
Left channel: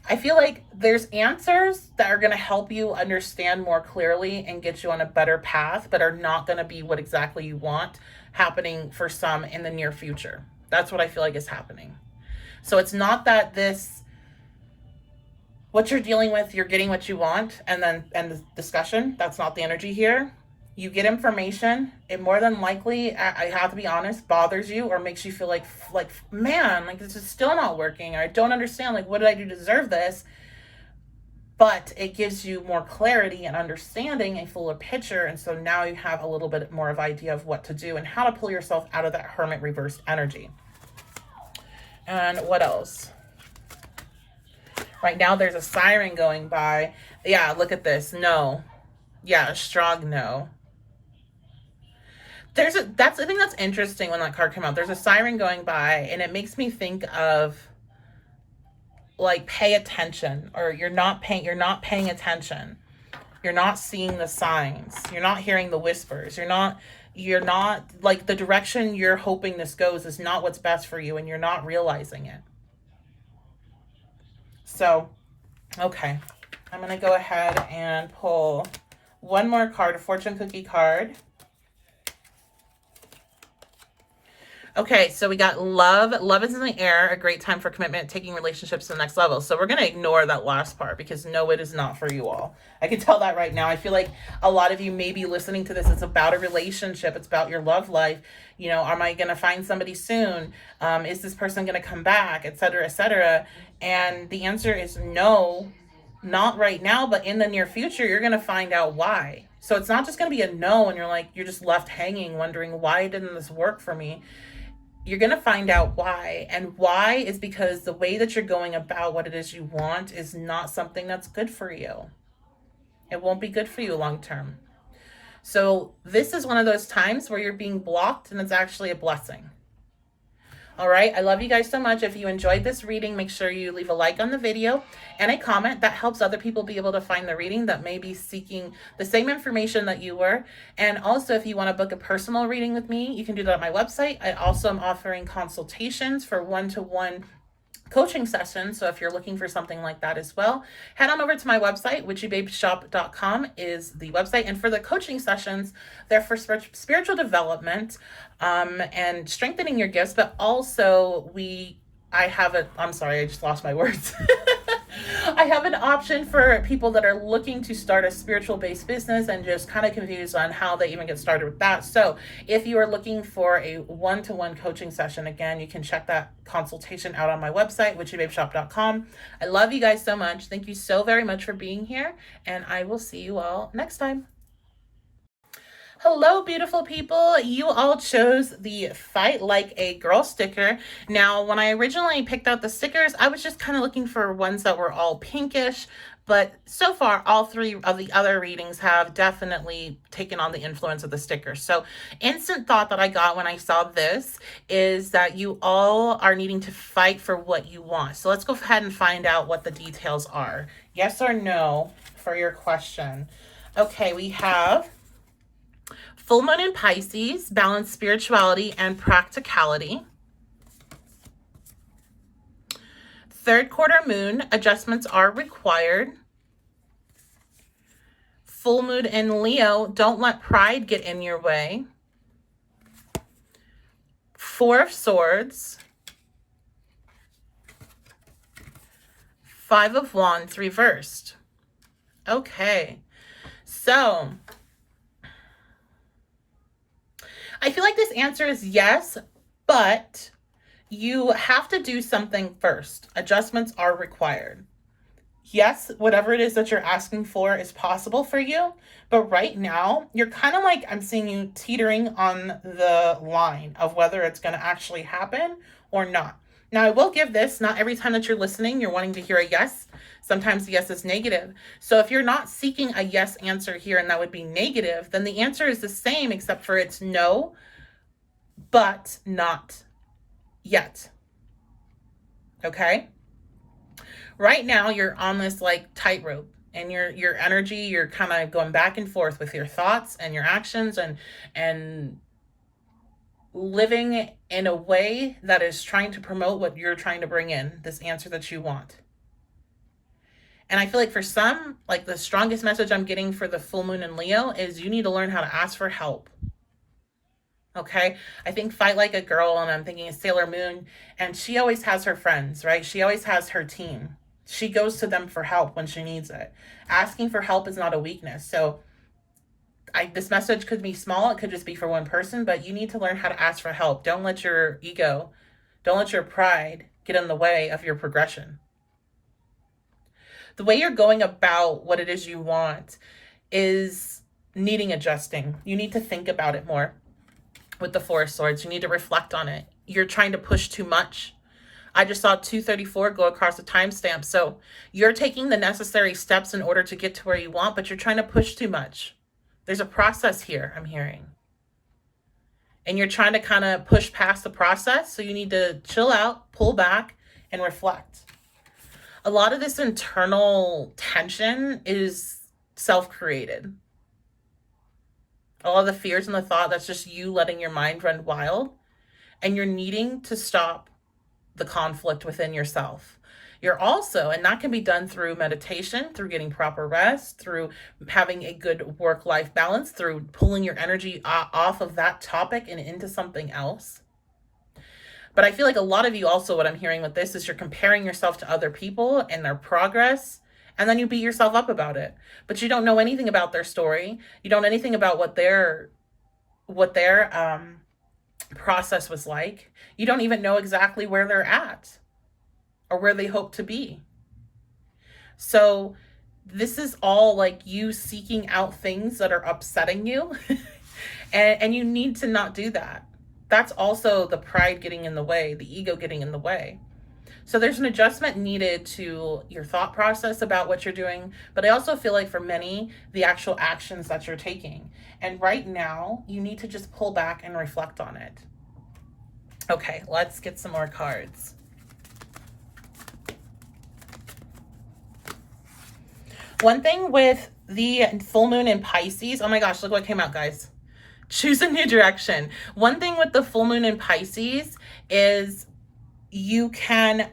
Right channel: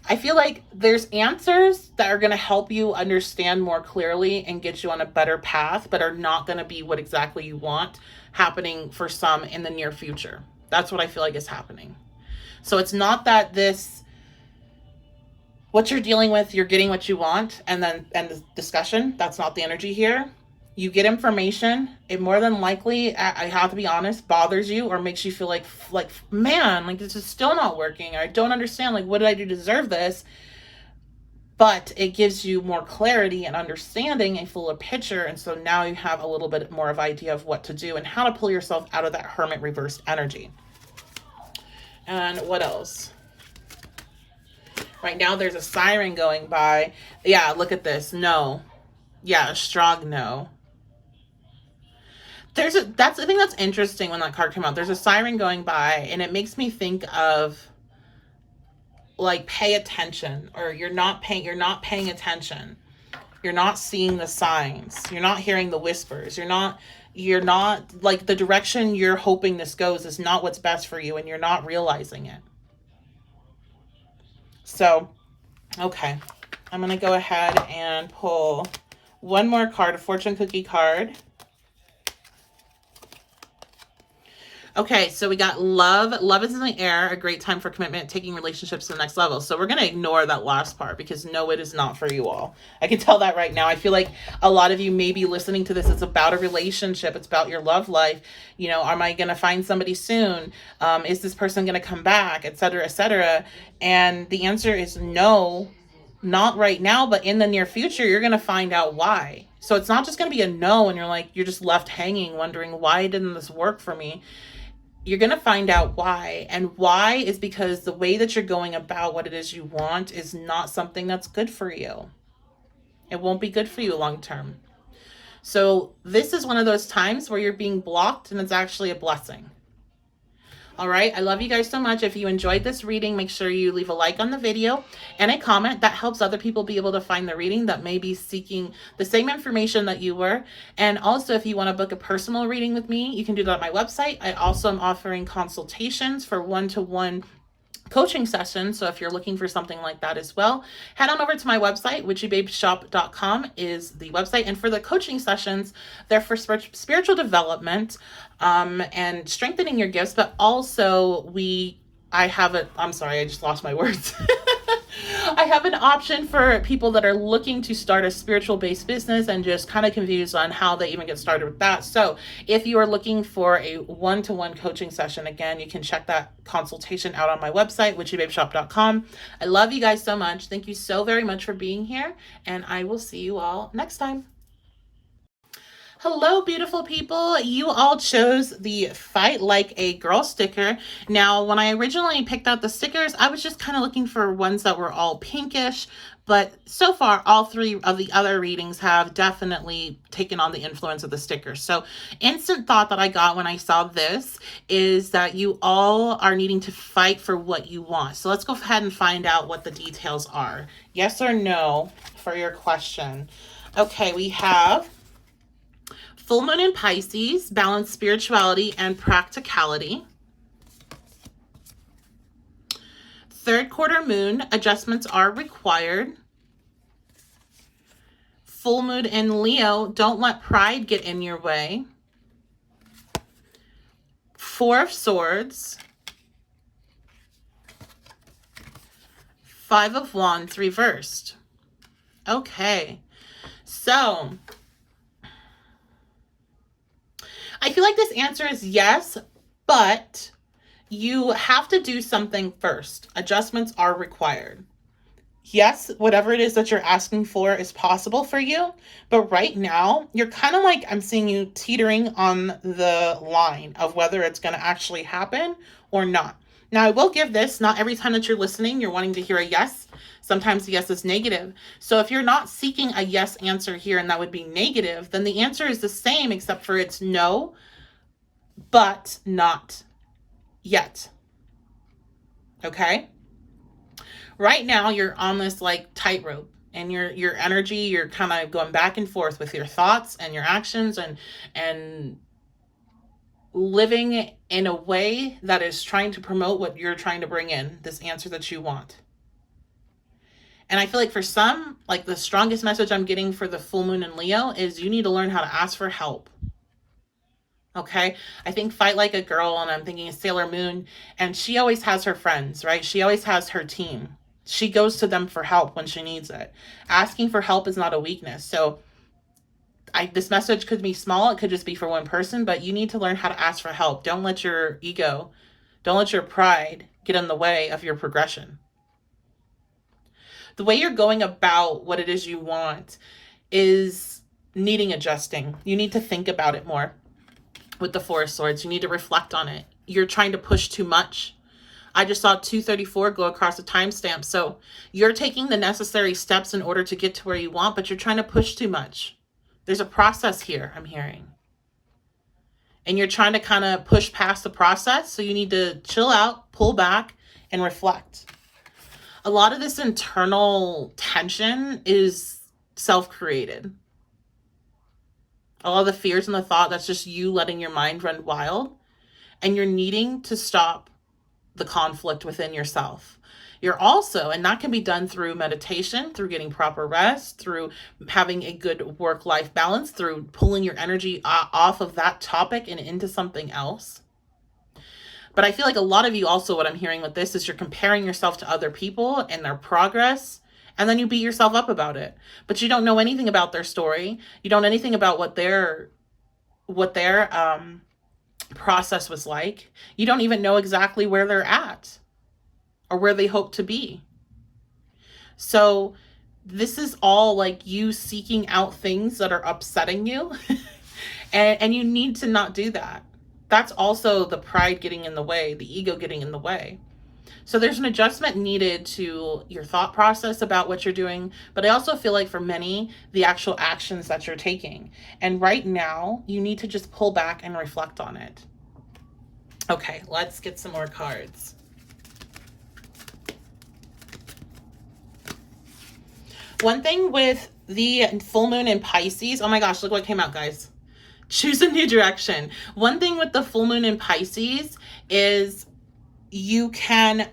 I feel like there's answers that are going to help you understand more clearly and get you on a better path, but are not going to be what exactly you want happening for some in the near future. That's what I feel like is happening. So it's not that what you're dealing with, you're getting what you want, and then end the discussion. That's not the energy here. You get information, it more than likely, I have to be honest, bothers you or makes you feel like, man, like, this is still not working, or I don't understand, like, what did I do to deserve this? But it gives you more clarity and understanding, a fuller picture, and so now you have a little bit more of idea of what to do and how to pull yourself out of that Hermit reversed energy. And what else? Right now there's a siren going by. Yeah, look at this. No. Yeah, a strong no. I think that's interesting when that card came out. There's a siren going by, and it makes me think of, like, pay attention, or you're not paying attention. You're not seeing the signs. You're not hearing the whispers. You're not like, the direction you're hoping this goes is not what's best for you, and you're not realizing it. So, okay. I'm going to go ahead and pull one more card, a fortune cookie card. Okay, so we got love. Love is in the air, a great time for commitment, taking relationships to the next level. So we're going to ignore that last part, because no, it is not for you all. I can tell that right now. I feel like a lot of you may be listening to this. It's about a relationship. It's about your love life. You know, am I going to find somebody soon? Is this person going to come back? Et cetera, et cetera. And the answer is no, not right now, but in the near future, you're going to find out why. So it's not just going to be a no, and you're just left hanging, wondering, why didn't this work for me? You're going to find out why. And why is because the way that you're going about what it is you want is not something that's good for you. It won't be good for you long term. So this is one of those times where you're being blocked, and it's actually a blessing. All right. I love you guys so much. If you enjoyed this reading, make sure you leave a like on the video and a comment. That helps other people be able to find the reading that may be seeking the same information that you were. And also, if you want to book a personal reading with me, you can do that on my website. I also am offering consultations for one-to-one coaching sessions. So if you're looking for something like that as well, head on over to my website. witchybabeshop.com is the website. And for the coaching sessions, they're for spiritual development and strengthening your gifts. But also I just lost my words. I have an option for people that are looking to start a spiritual based business and just kind of confused on how they even get started with that. So if you are looking for a one-to-one coaching session, again, you can check that consultation out on my website, witchybabeshop.com. I love you guys so much. Thank you so very much for being here, and I will see you all next time. Hello, beautiful people. You all chose the Fight Like a Girl sticker. Now, when I originally picked out the stickers, I was just kind of looking for ones that were all pinkish, But so far, all three of the other readings have definitely taken on the influence of the stickers. So instant thought that I got when I saw this is that you all are needing to fight for what you want. So let's go ahead and find out what the details are. Yes or no for your question. Okay, we have full moon in Pisces, balance spirituality and practicality. Third quarter moon, adjustments are required. Full moon in Leo, don't let pride get in your way. Four of Swords. Five of Wands reversed. Okay, so I feel like this answer is yes, but you have to do something first. Adjustments are required. Yes, whatever it is that you're asking for is possible for you, but right now you're kind of like, I'm seeing you teetering on the line of whether it's going to actually happen or not. Now, I will give this, not every time that you're listening, you're wanting to hear a yes. Sometimes the yes is negative. So if you're not seeking a yes answer here and that would be negative, then the answer is the same except for it's no, but not yet. Okay? Right now you're on this like tightrope, and your energy, you're kind of going back and forth with your thoughts and your actions and living in a way that is trying to promote what you're trying to bring in, this answer that you want. And I feel like for some, like the strongest message I'm getting for the full moon in Leo is you need to learn how to ask for help. Okay, I think Fight Like a Girl, and I'm thinking of Sailor Moon, and she always has her friends, right? She always has her team. She goes to them for help when she needs it. Asking for help is not a weakness. So this message could be small. It could just be for one person, but you need to learn how to ask for help. Don't let your ego, don't let your pride get in the way of your progression. The way you're going about what it is you want is needing adjusting. You need to think about it more. With the Four of Swords, you need to reflect on it. You're trying to push too much. I just saw 234 go across the timestamp. So you're taking the necessary steps in order to get to where you want, but you're trying to push too much. There's a process here, I'm hearing. And you're trying to kind of push past the process. So you need to chill out, pull back, and reflect. A lot of this internal tension is self-created. A lot of the fears and the thought, that's just you letting your mind run wild. And you're needing to stop the conflict within yourself. You're also, and that can be done through meditation, through getting proper rest, through having a good work-life balance, through pulling your energy off of that topic and into something else. But I feel like a lot of you also, what I'm hearing with this is you're comparing yourself to other people and their progress, and then you beat yourself up about it. But you don't know anything about their story. You don't know anything about what their process was like. You don't even know exactly where they're at or where they hope to be. So this is all like you seeking out things that are upsetting you. and you need to not do that. That's also the pride getting in the way, the ego getting in the way. So there's an adjustment needed to your thought process about what you're doing. But I also feel like for many, the actual actions that you're taking. And right now, you need to just pull back and reflect on it. Okay, let's get some more cards. One thing with the full moon in Pisces, oh my gosh, look what came out, guys. Choose a new direction. One thing with the full moon in Pisces is you can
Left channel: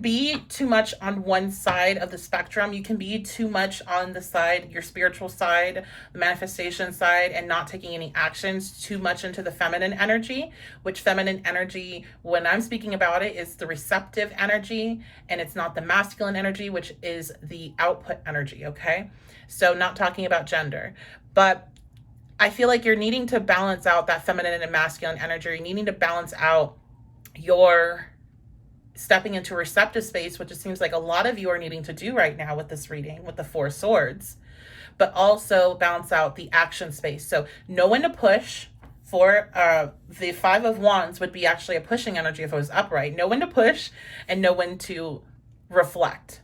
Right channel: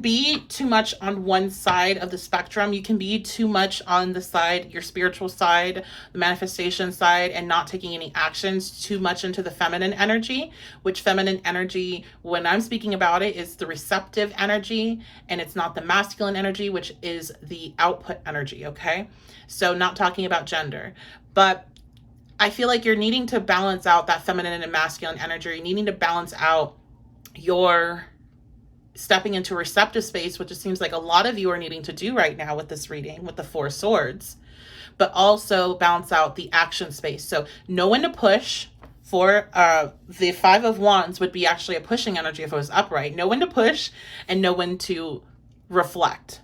be too much on one side of the spectrum. You can be too much on the side, your spiritual side, the manifestation side, and not taking any actions too much into the feminine energy, which feminine energy, when I'm speaking about it, is the receptive energy, and it's not the masculine energy, which is the output energy, okay? So not talking about gender, but I feel like you're needing to balance out that feminine and masculine energy. You're needing to balance out your stepping into receptive space, which it seems like a lot of you are needing to do right now with this reading, with the Four Swords, but also balance out the action space. So know when to push, For the Five of Wands would be actually a pushing energy if it was upright. Know when to push and know when to reflect.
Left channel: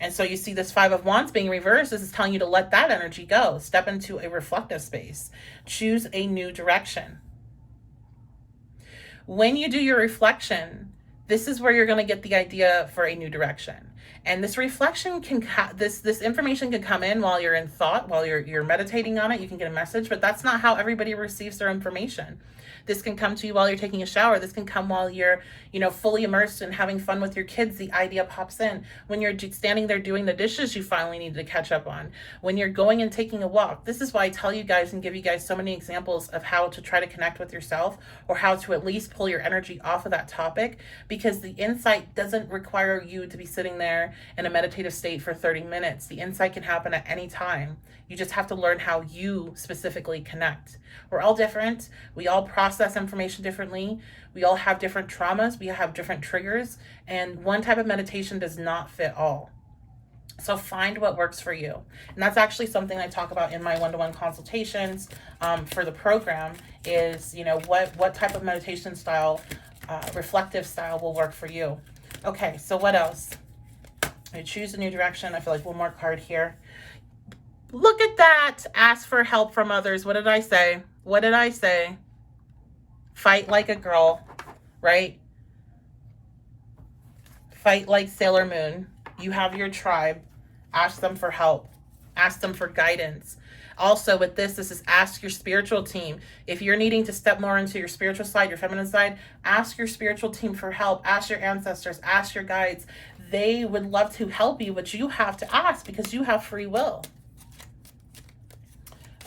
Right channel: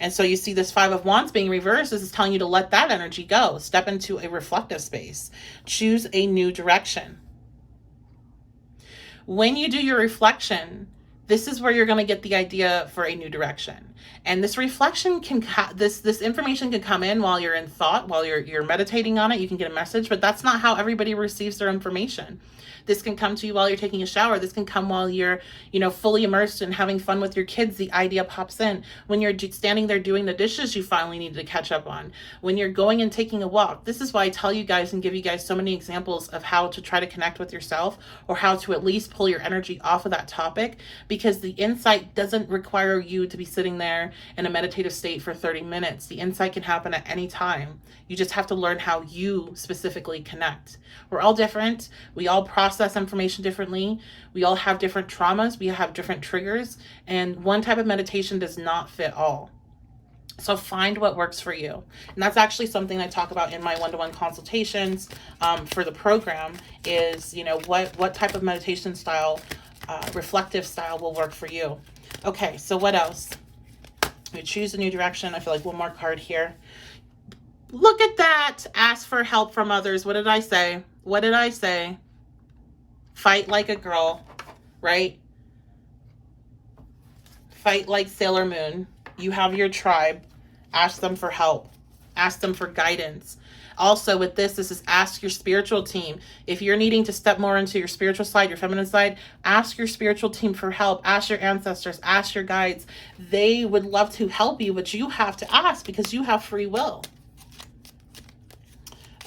And so you see this Five of Wands being reversed. This is telling you to let that energy go. Step into a reflective space. Choose a new direction. When you do your reflection, this is where you're going to get the idea for a new direction. And this reflection can, this information can come in while you're in thought, while you're meditating on it. You can get a message, but that's not how everybody receives their information. This can come to you while you're taking a shower. This can come while you're, fully immersed and having fun with your kids. The idea pops in. When you're standing there doing the dishes you finally need to catch up on. When you're going and taking a walk. This is why I tell you guys and give you guys so many examples of how to try to connect with yourself, or how to at least pull your energy off of that topic, because the insight doesn't require you to be sitting there in a meditative state for 30 minutes. The insight can happen at any time. You just have to learn how you specifically connect. We're all different. We all process information differently. We all have different traumas. We have different triggers. And one type of meditation does not fit all. So find what works for you. And that's actually something I talk about in my one-to-one consultations for the program is, what type of meditation style, reflective style will work for you. Okay, so what else? We choose a new direction. I feel like one more card here. Look at that. Ask for help from others. What did I say? What did I say? Fight like a girl, right? Fight like Sailor Moon. You have your tribe. Ask them for help. Ask them for guidance. Also with this is ask your spiritual team. If you're needing to step more into your spiritual side, your feminine side, ask your spiritual team for help. Ask your ancestors, ask your guides. They would love to help you, but you have to ask because you have free will.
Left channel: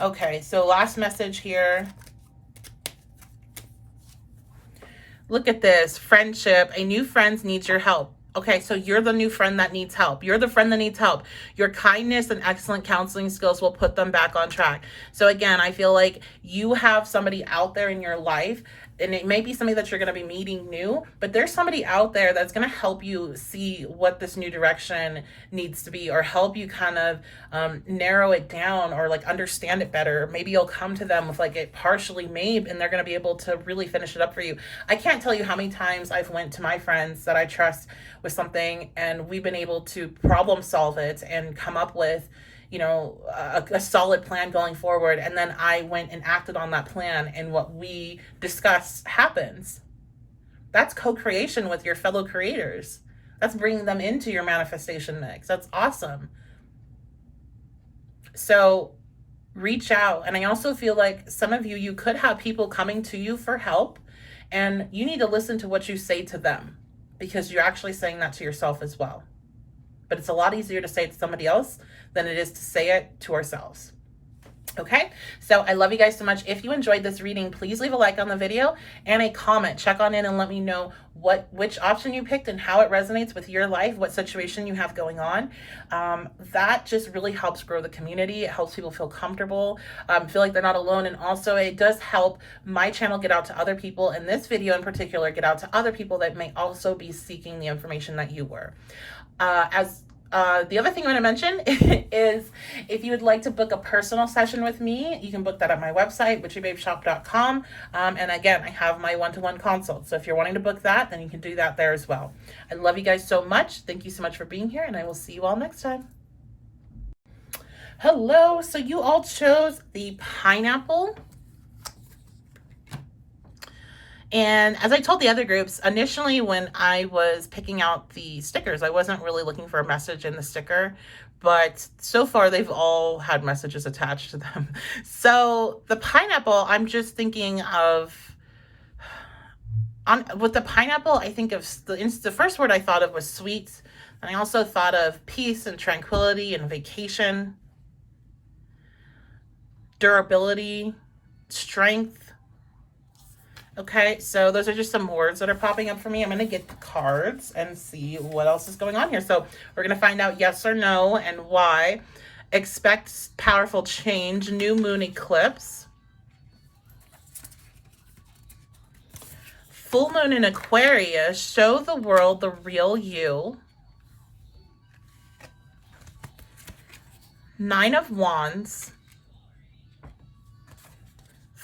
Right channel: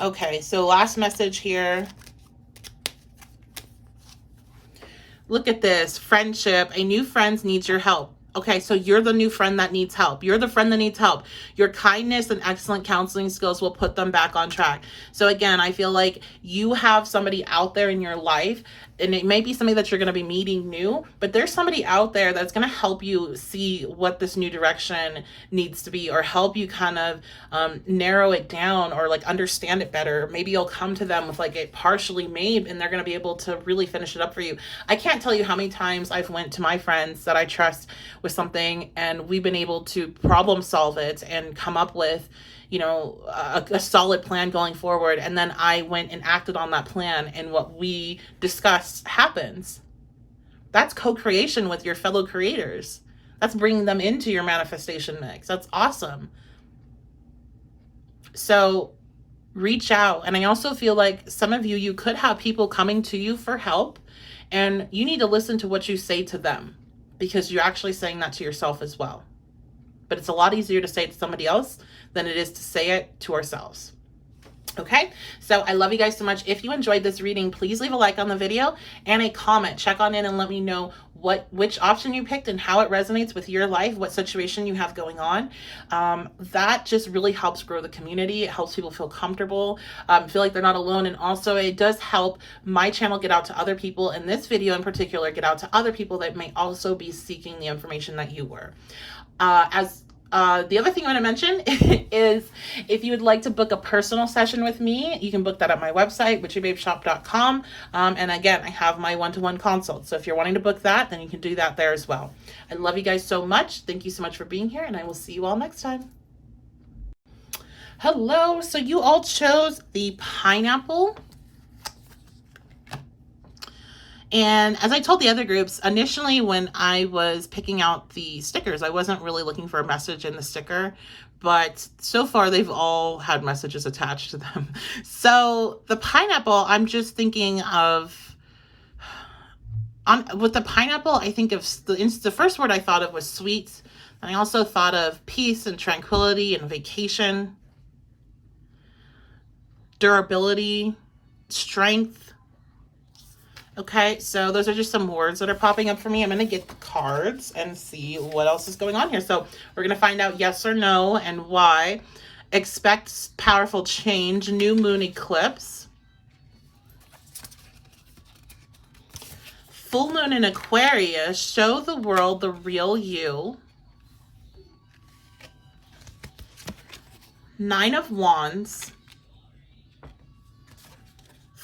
Okay, so last message here. Look at this. Friendship. A new friend needs your help. Okay, so you're the new friend that needs help. You're the friend that needs help. Your kindness and excellent counseling skills will put them back on track. So again, I feel like you have somebody out there in your life, and it may be somebody that you're going to be meeting new, but there's somebody out there that's going to help you see what this new direction needs to be, or help you kind of narrow it down, or like understand it better. Maybe you'll come to them with like it partially made, and they're going to be able to really finish it up for you. I can't tell you how many times I've went to my friends that I trust with something, and we've been able to problem solve it and come up with a solid plan going forward. And then I went and acted on that plan, and what we discussed happens. That's co-creation with your fellow creators. That's bringing them into your manifestation mix. That's awesome. So reach out. And I also feel like some of you could have people coming to you for help, and you need to listen to what you say to them, because you're actually saying that to yourself as well. But it's a lot easier to say it to somebody else than it is to say it to ourselves. Okay, so I love you guys so much. If you enjoyed this reading, please leave a like on the video and a comment. Check on in and let me know which option you picked and how it resonates with your life, what situation you have going on. That just really helps grow the community. It helps people feel comfortable, feel like they're not alone. And also it does help my channel get out to other people, and this video in particular get out to other people that may also be seeking the information that you were. The other thing I want to mention is if you would like to book a personal session with me, you can book that at my website, witchybabeshop.com. And again, I have my one-to-one consult. So if you're wanting to book that, then you can do that there as well. I love you guys so much. Thank you so much for being here, and I will see you all next time. Hello. So you all chose the pineapple. And as I told the other groups, initially when I was picking out the stickers, I wasn't really looking for a message in the sticker, but so far they've all had messages attached to them. So the pineapple, I'm just thinking of, with the pineapple, I think of the first word I thought of was sweet. And I also thought of peace and tranquility and vacation, durability, strength. Okay, so those are just some words that are popping up for me. I'm going to get the cards and see what else is going on here. So we're going to find out yes or no and why. Expect powerful change. New moon eclipse. Full moon in Aquarius. Show the world the real you. Nine of Wands.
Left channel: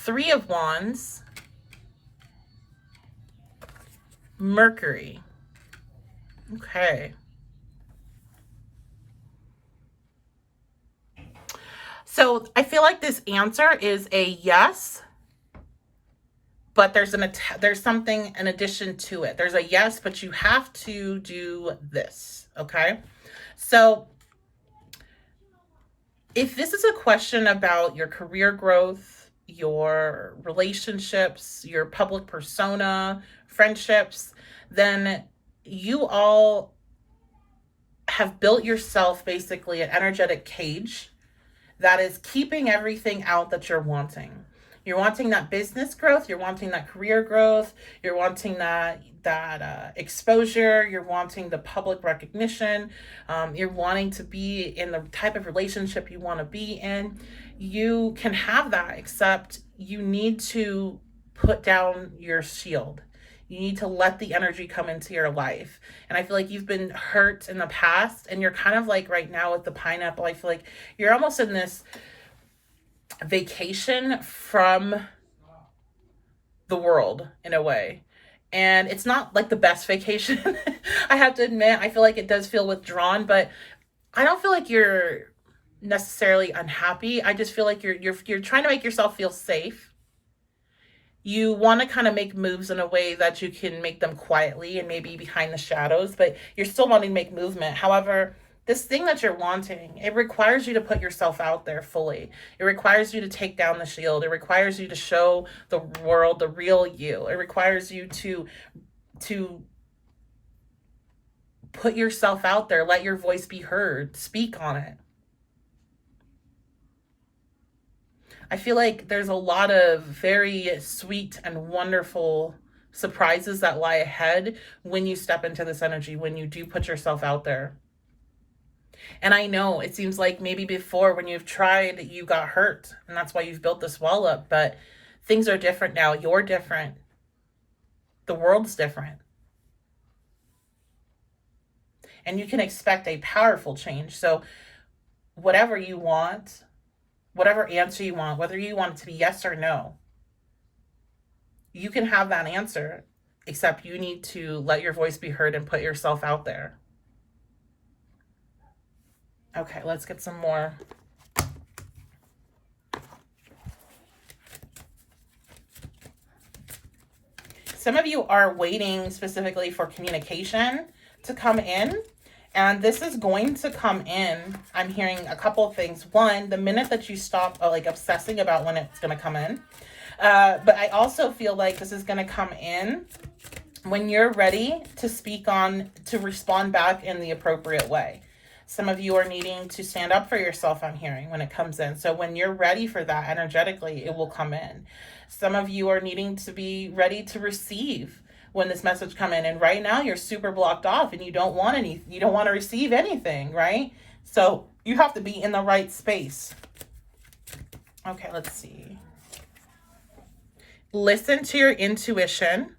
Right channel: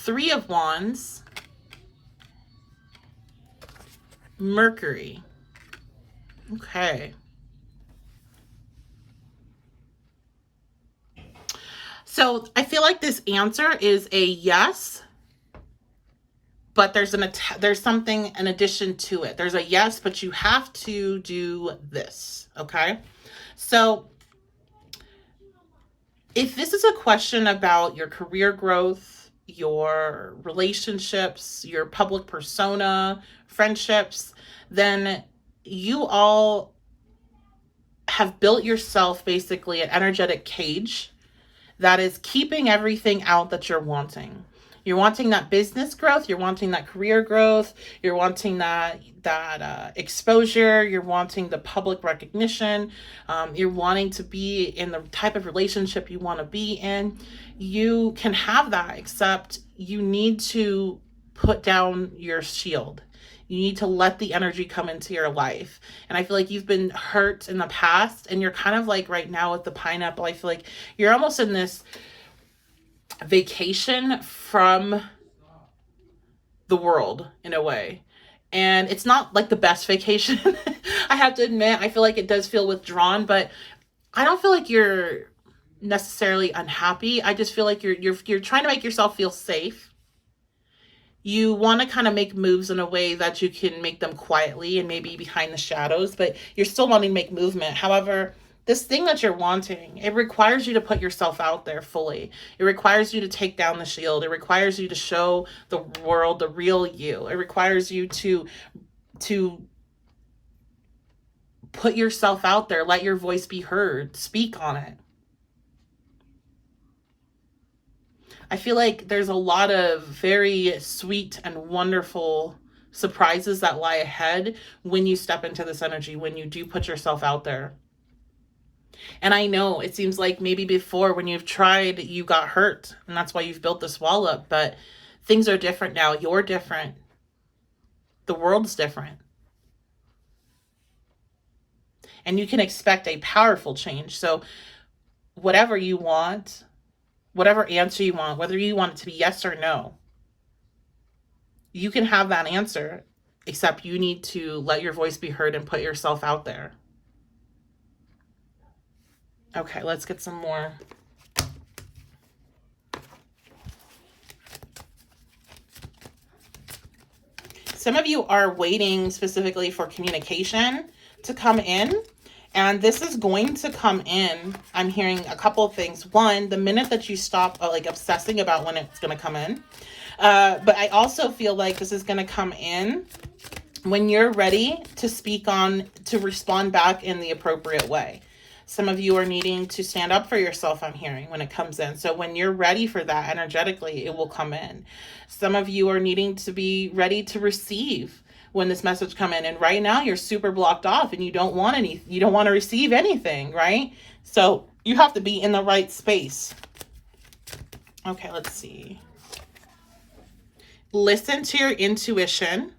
Three of Wands, Mercury. Okay. So I feel like this answer is a yes, but there's something in addition to it. There's a yes, but you have to do this, okay? So if this is a question about your career growth, your relationships, your public persona, friendships, then you all have built yourself basically an energetic cage that is keeping everything out that you're wanting. You're wanting that business growth. You're wanting that career growth. You're wanting that exposure. You're wanting the public recognition. You're wanting to be in the type of relationship you want to be in. You can have that, except you need to put down your shield. You need to let the energy come into your life. And I feel like you've been hurt in the past, and you're kind of like right now with the pineapple. I feel like you're almost in this vacation from the world in a way. And it's not like the best vacation. I have to admit, I feel like it does feel withdrawn, but I don't feel like you're necessarily unhappy. I just feel like you're trying to make yourself feel safe. You want to kind of make moves in a way that you can make them quietly and maybe behind the shadows, but you're still wanting to make movement. However, this thing that you're wanting, it requires you to put yourself out there fully. It requires you to take down the shield. It requires you to show the world the real you. It requires you to put yourself out there, let your voice be heard, speak on it. I feel like there's a lot of very sweet and wonderful surprises that lie ahead when you step into this energy, when you do put yourself out there. And I know it seems like maybe before when you've tried, you got hurt, and that's why you've built this wall up, but things are different now. You're different. The world's different. And you can expect a powerful change. So whatever you want, whatever answer you want, whether you want it to be yes or no, you can have that answer, except you need to let your voice be heard and put yourself out there. Okay, let's get some more. Some of you are waiting specifically for communication to come in, and this is going to come in. I'm hearing a couple of things. One, the minute that you stop like obsessing about when it's going to come in. But I also feel like this is going to come in when you're ready to speak on, to respond back in the appropriate way. Some of you are needing to stand up for yourself, I'm hearing, when it comes in. So when you're ready for that energetically, it will come in. Some of you are needing to be ready to receive when this message come in. And right now you're super blocked off and you don't want to receive anything, right? So you have to be in the right space. Okay, let's see. Listen to your intuition.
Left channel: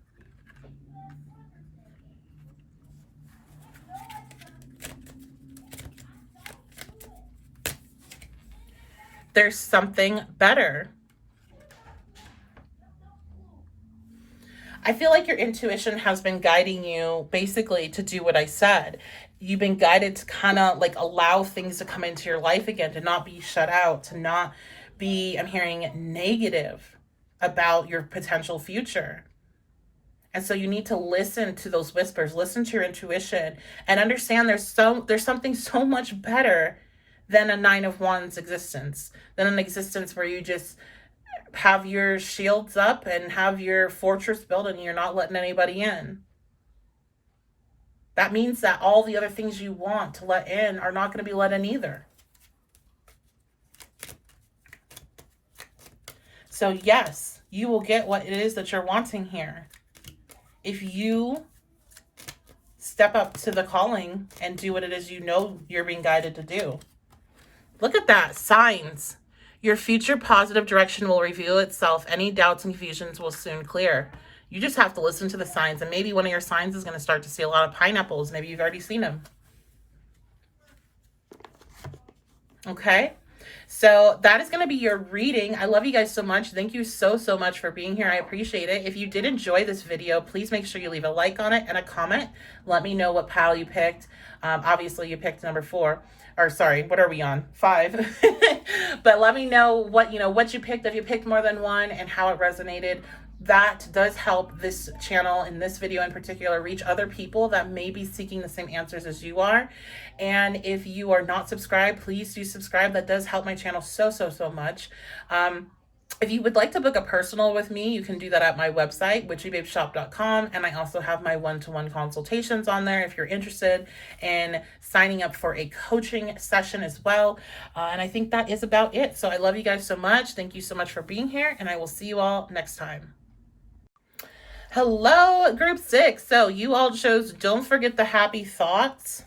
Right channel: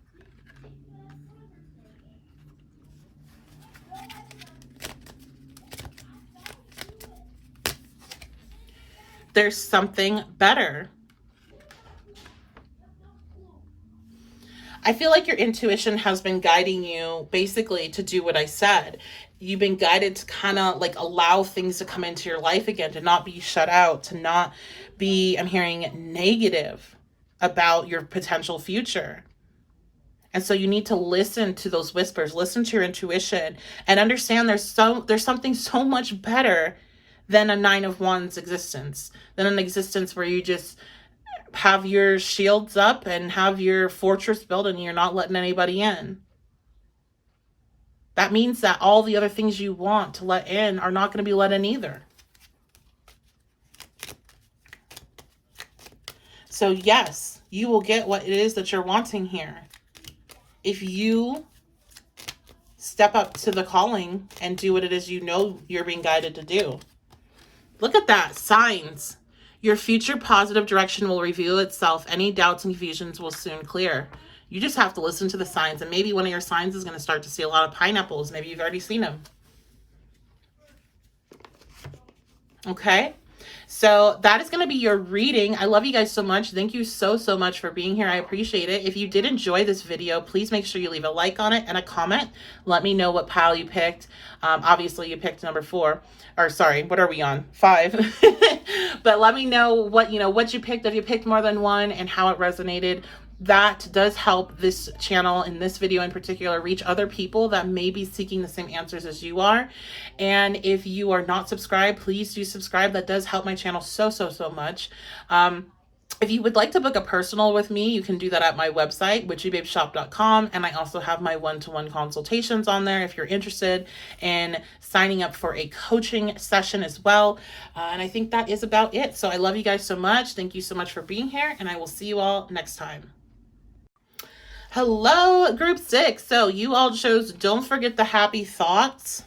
There's something better. I feel like your intuition has been guiding you basically to do what I said. You've been guided to kind of like allow things to come into your life again, to not be shut out, to not be, I'm hearing, negative about your potential future. And so you need to listen to those whispers, listen to your intuition, and understand there's something so much better than a Nine of Wands existence, than an existence where you just have your shields up and have your fortress built and you're not letting anybody in. That means that all the other things you want to let in are not going to be let in either. So yes, you will get what it is that you're wanting here if you step up to the calling and do what it is you know you're being guided to do. Look at that. Signs. Your future positive direction will reveal itself. Any doubts and confusions will soon clear. You just have to listen to the signs. And maybe one of your signs is going to start to see a lot of pineapples. Maybe you've already seen them. Okay? So that is going to be your reading. I love you guys so much. Thank you so much for being here. I appreciate it. If you did enjoy this video, please make sure you leave a like on it and a comment. Let me know what pile you picked. Obviously you picked number 4, or sorry, what are we on? 5. But let me know what you picked, if you picked more than one, and how it resonated. That does help this channel, in this video in particular, reach other people that may be seeking the same answers as you are. And if you are not subscribed, please do subscribe. That does help my channel so much. If you would like to book a personal with me, you can do that at my website, witchybabeshop.com. And I also have my one-to-one consultations on there if you're interested in signing up for a coaching session as well. And I think that is about it. So I love you guys so much. Thank you so much for being here, and I will see you all next time. Hello, group 6. So you all chose Don't Forget the Happy Thoughts.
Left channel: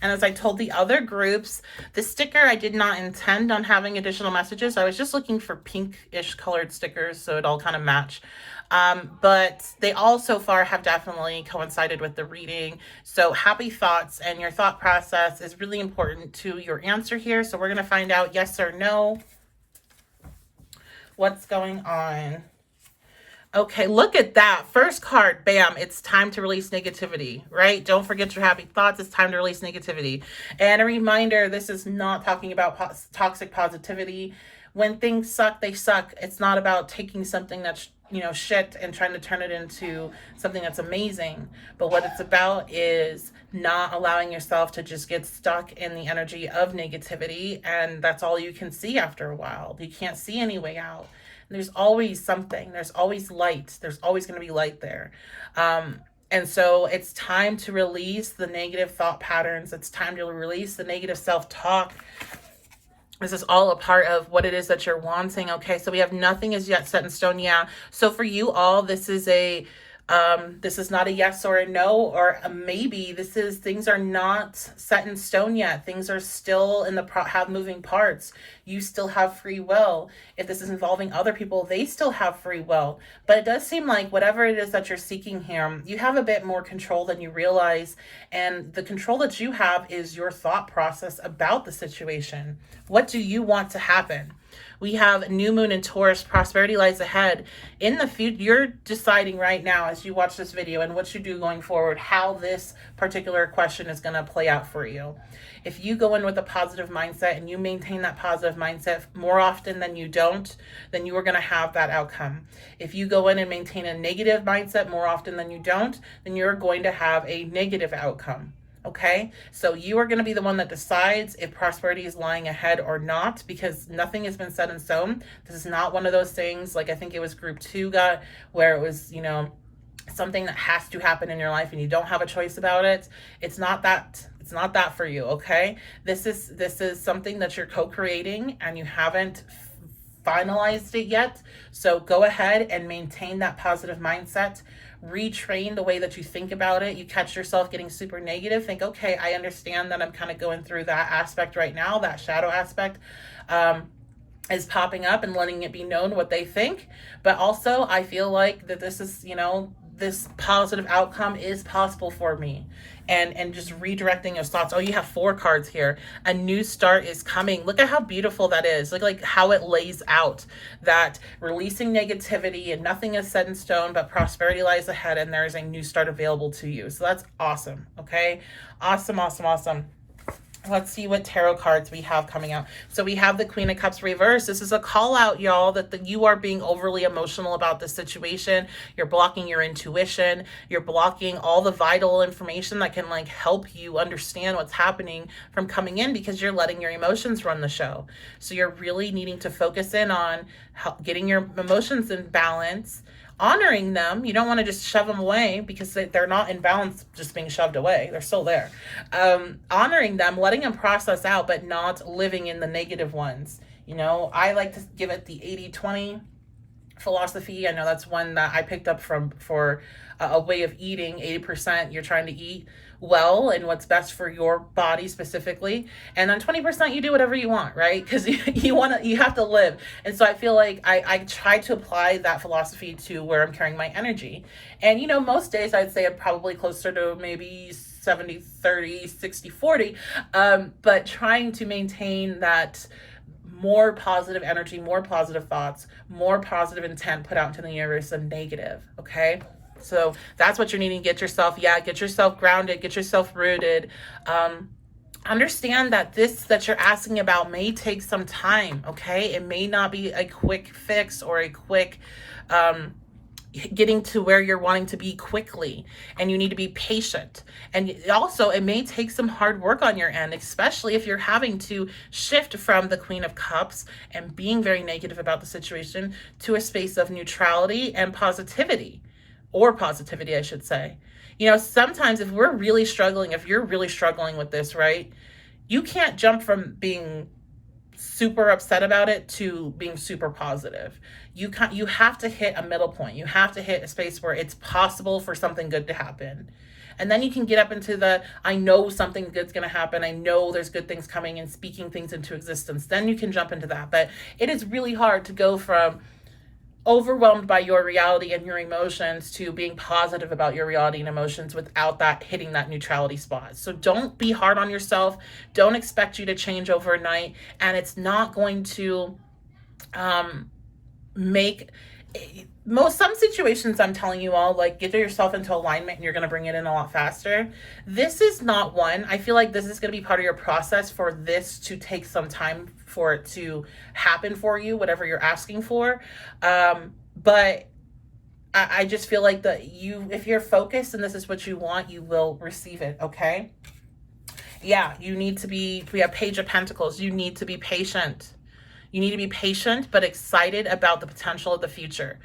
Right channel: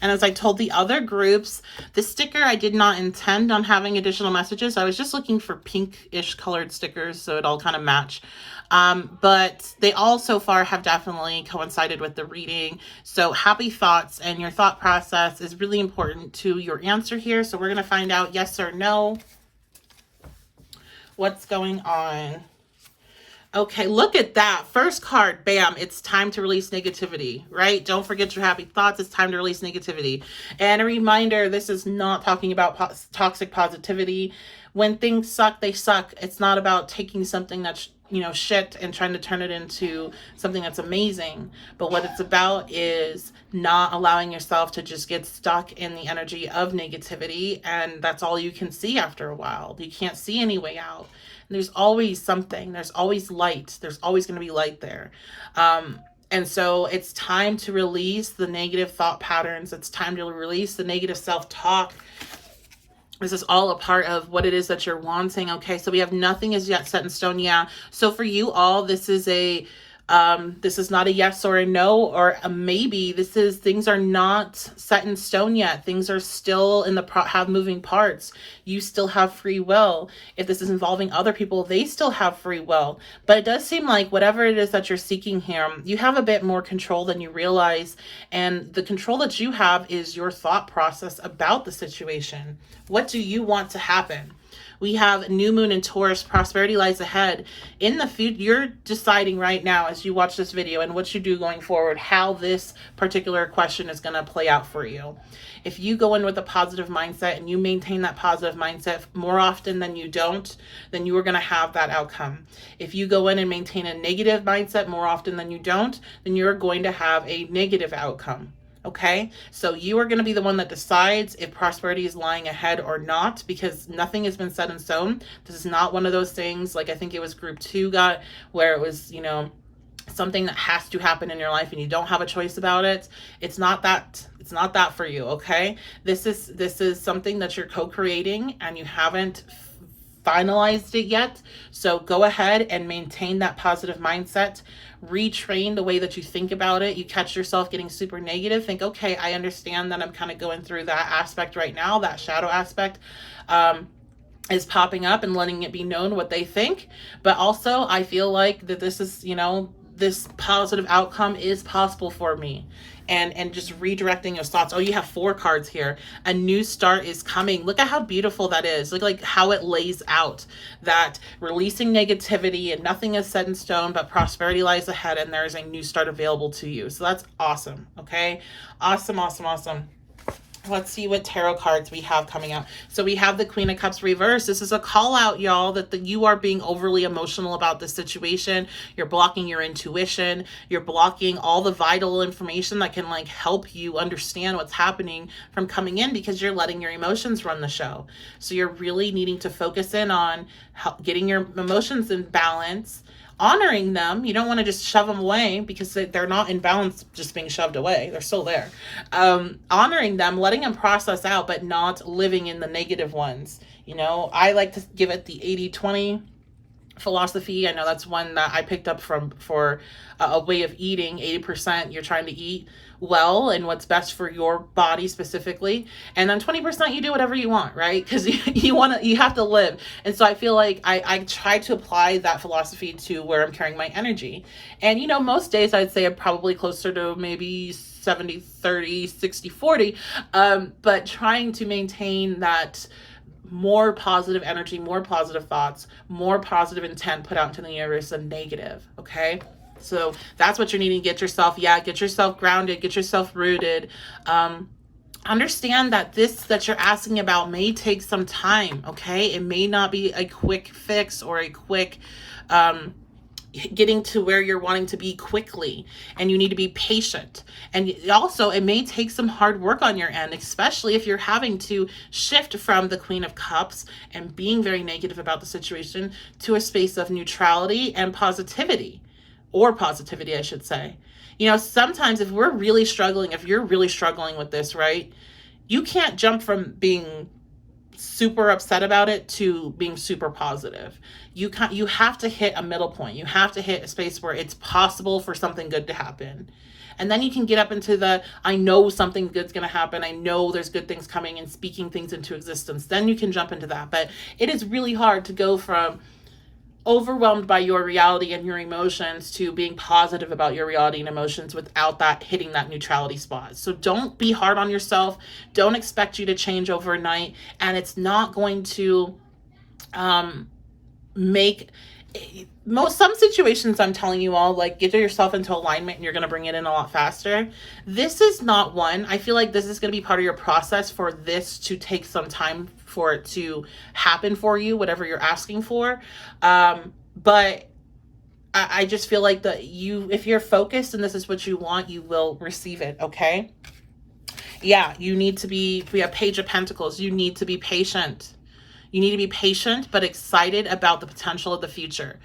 And as I told the other groups, the sticker, I did not intend on having additional messages. I was just looking for pinkish colored stickers so it all kind of match. But they all so far have definitely coincided with the reading. So happy thoughts and your thought process is really important to your answer here. So we're going to find out yes or no. What's going on? Okay, look at that. First card, bam, it's time to release negativity, right? Don't forget your happy thoughts. It's time to release negativity. And a reminder, this is not talking about toxic positivity. When things suck, they suck. It's not about taking something that's, shit and trying to turn it into something that's amazing. But what it's about is not allowing yourself to just get stuck in the energy of negativity. And that's all you can see after a while. You can't see any way out. There's always something. There's always light. There's always going to be light there. And so it's time to release the negative thought patterns. It's time to release the negative self-talk. This is all a part of what it is that you're wanting. Okay, so we have nothing is yet set in stone. Yeah. So for you all, this is not a yes or a no or a maybe. Things are not set in stone yet. Things are still in have moving parts. You still have free will. If this is involving other people, they still have free will. But it does seem like whatever it is that you're seeking here, you have a bit more control than you realize. And the control that you have is your thought process about the situation. What do you want to happen? We have new moon in Taurus. Prosperity lies ahead. In the future, you're deciding right now as you watch this video and what you do going forward, how this particular question is going to play out for you. If you go in with a positive mindset and you maintain that positive mindset more often than you don't, then you are going to have that outcome. If you go in and maintain a negative mindset more often than you don't, then you're going to have a negative outcome. Okay, so you are going to be the one that decides if prosperity is lying ahead or not, because nothing has been set in stone. This is not one of those things like I think it was group 2 got, where it was, something that has to happen in your life and you don't have a choice about it. It's not that for you. Okay, this is something that you're co-creating and you haven't finalized it yet. So go ahead and maintain that positive mindset. Retrain the way that you think about it. You catch yourself getting super negative, think, okay, I understand that I'm kind of going through that aspect right now, that shadow aspect is popping up, and letting it be known what they think. But also I feel like that this is, this positive outcome is possible for me. And just redirecting your thoughts. Oh, you have 4 cards here. A new start is coming. Look at how beautiful that is. Look like how it lays out that releasing negativity and nothing is set in stone, but prosperity lies ahead and there is a new start available to you. So that's awesome. Okay. Awesome. Let's see what tarot cards we have coming out. So we have the Queen of Cups reverse. This is a call out, y'all, that you are being overly emotional about this situation. You're blocking your intuition. You're blocking all the vital information that can help you understand what's happening from coming in, because you're letting your emotions run the show. So you're really needing to focus in on getting your emotions in balance, honoring them. You don't want to just shove them away, because they're not in balance just being shoved away. They're still there. Honoring them, letting them process out, but not living in the negative ones. I like to give it the 80-20 philosophy. I know that's one that I picked up for a way of eating. 80% you're trying to eat well and what's best for your body specifically, and then 20% you do whatever you want, right? Because you have to live. And so I feel like I try to apply that philosophy to where I'm carrying my energy. And most days I'd say I'm probably closer to maybe 70-30, 60-40, but trying to maintain that more positive energy, more positive thoughts, more positive intent put out into the universe than negative. Okay. So that's what you're needing. Get yourself grounded, get yourself rooted. Understand that this that you're asking about may take some time. Okay. It may not be a quick fix or a quick, getting to where you're wanting to be quickly, and you need to be patient. And also it may take some hard work on your end, especially if you're having to shift from the Queen of Cups and being very negative about the situation to a space of neutrality and positivity, or positivity, I should say. You know, sometimes if you're really struggling with this, right, you can't jump from being super upset about it to being super positive. You have to hit a middle point. You have to hit a space where it's possible for something good to happen. And then you can get up into the, I know something good's going to happen. I know there's good things coming, and speaking things into existence. Then you can jump into that. But it is really hard to go from overwhelmed by your reality and your emotions to being positive about your reality and emotions without that hitting that neutrality spot. So don't be hard on yourself. Don't expect you to change overnight. And it's not going to some situations, I'm telling you all, like, get yourself into alignment and you're going to bring it in a lot faster. This is not one. I feel like this is going to be part of your process for this to take some time for it to happen for you, whatever you're asking for. But I just feel like that if you're focused and this is what you want, you will receive it. Okay. Yeah. We have Page of Pentacles. You need to be patient. You need to be patient, but excited about the potential of the future.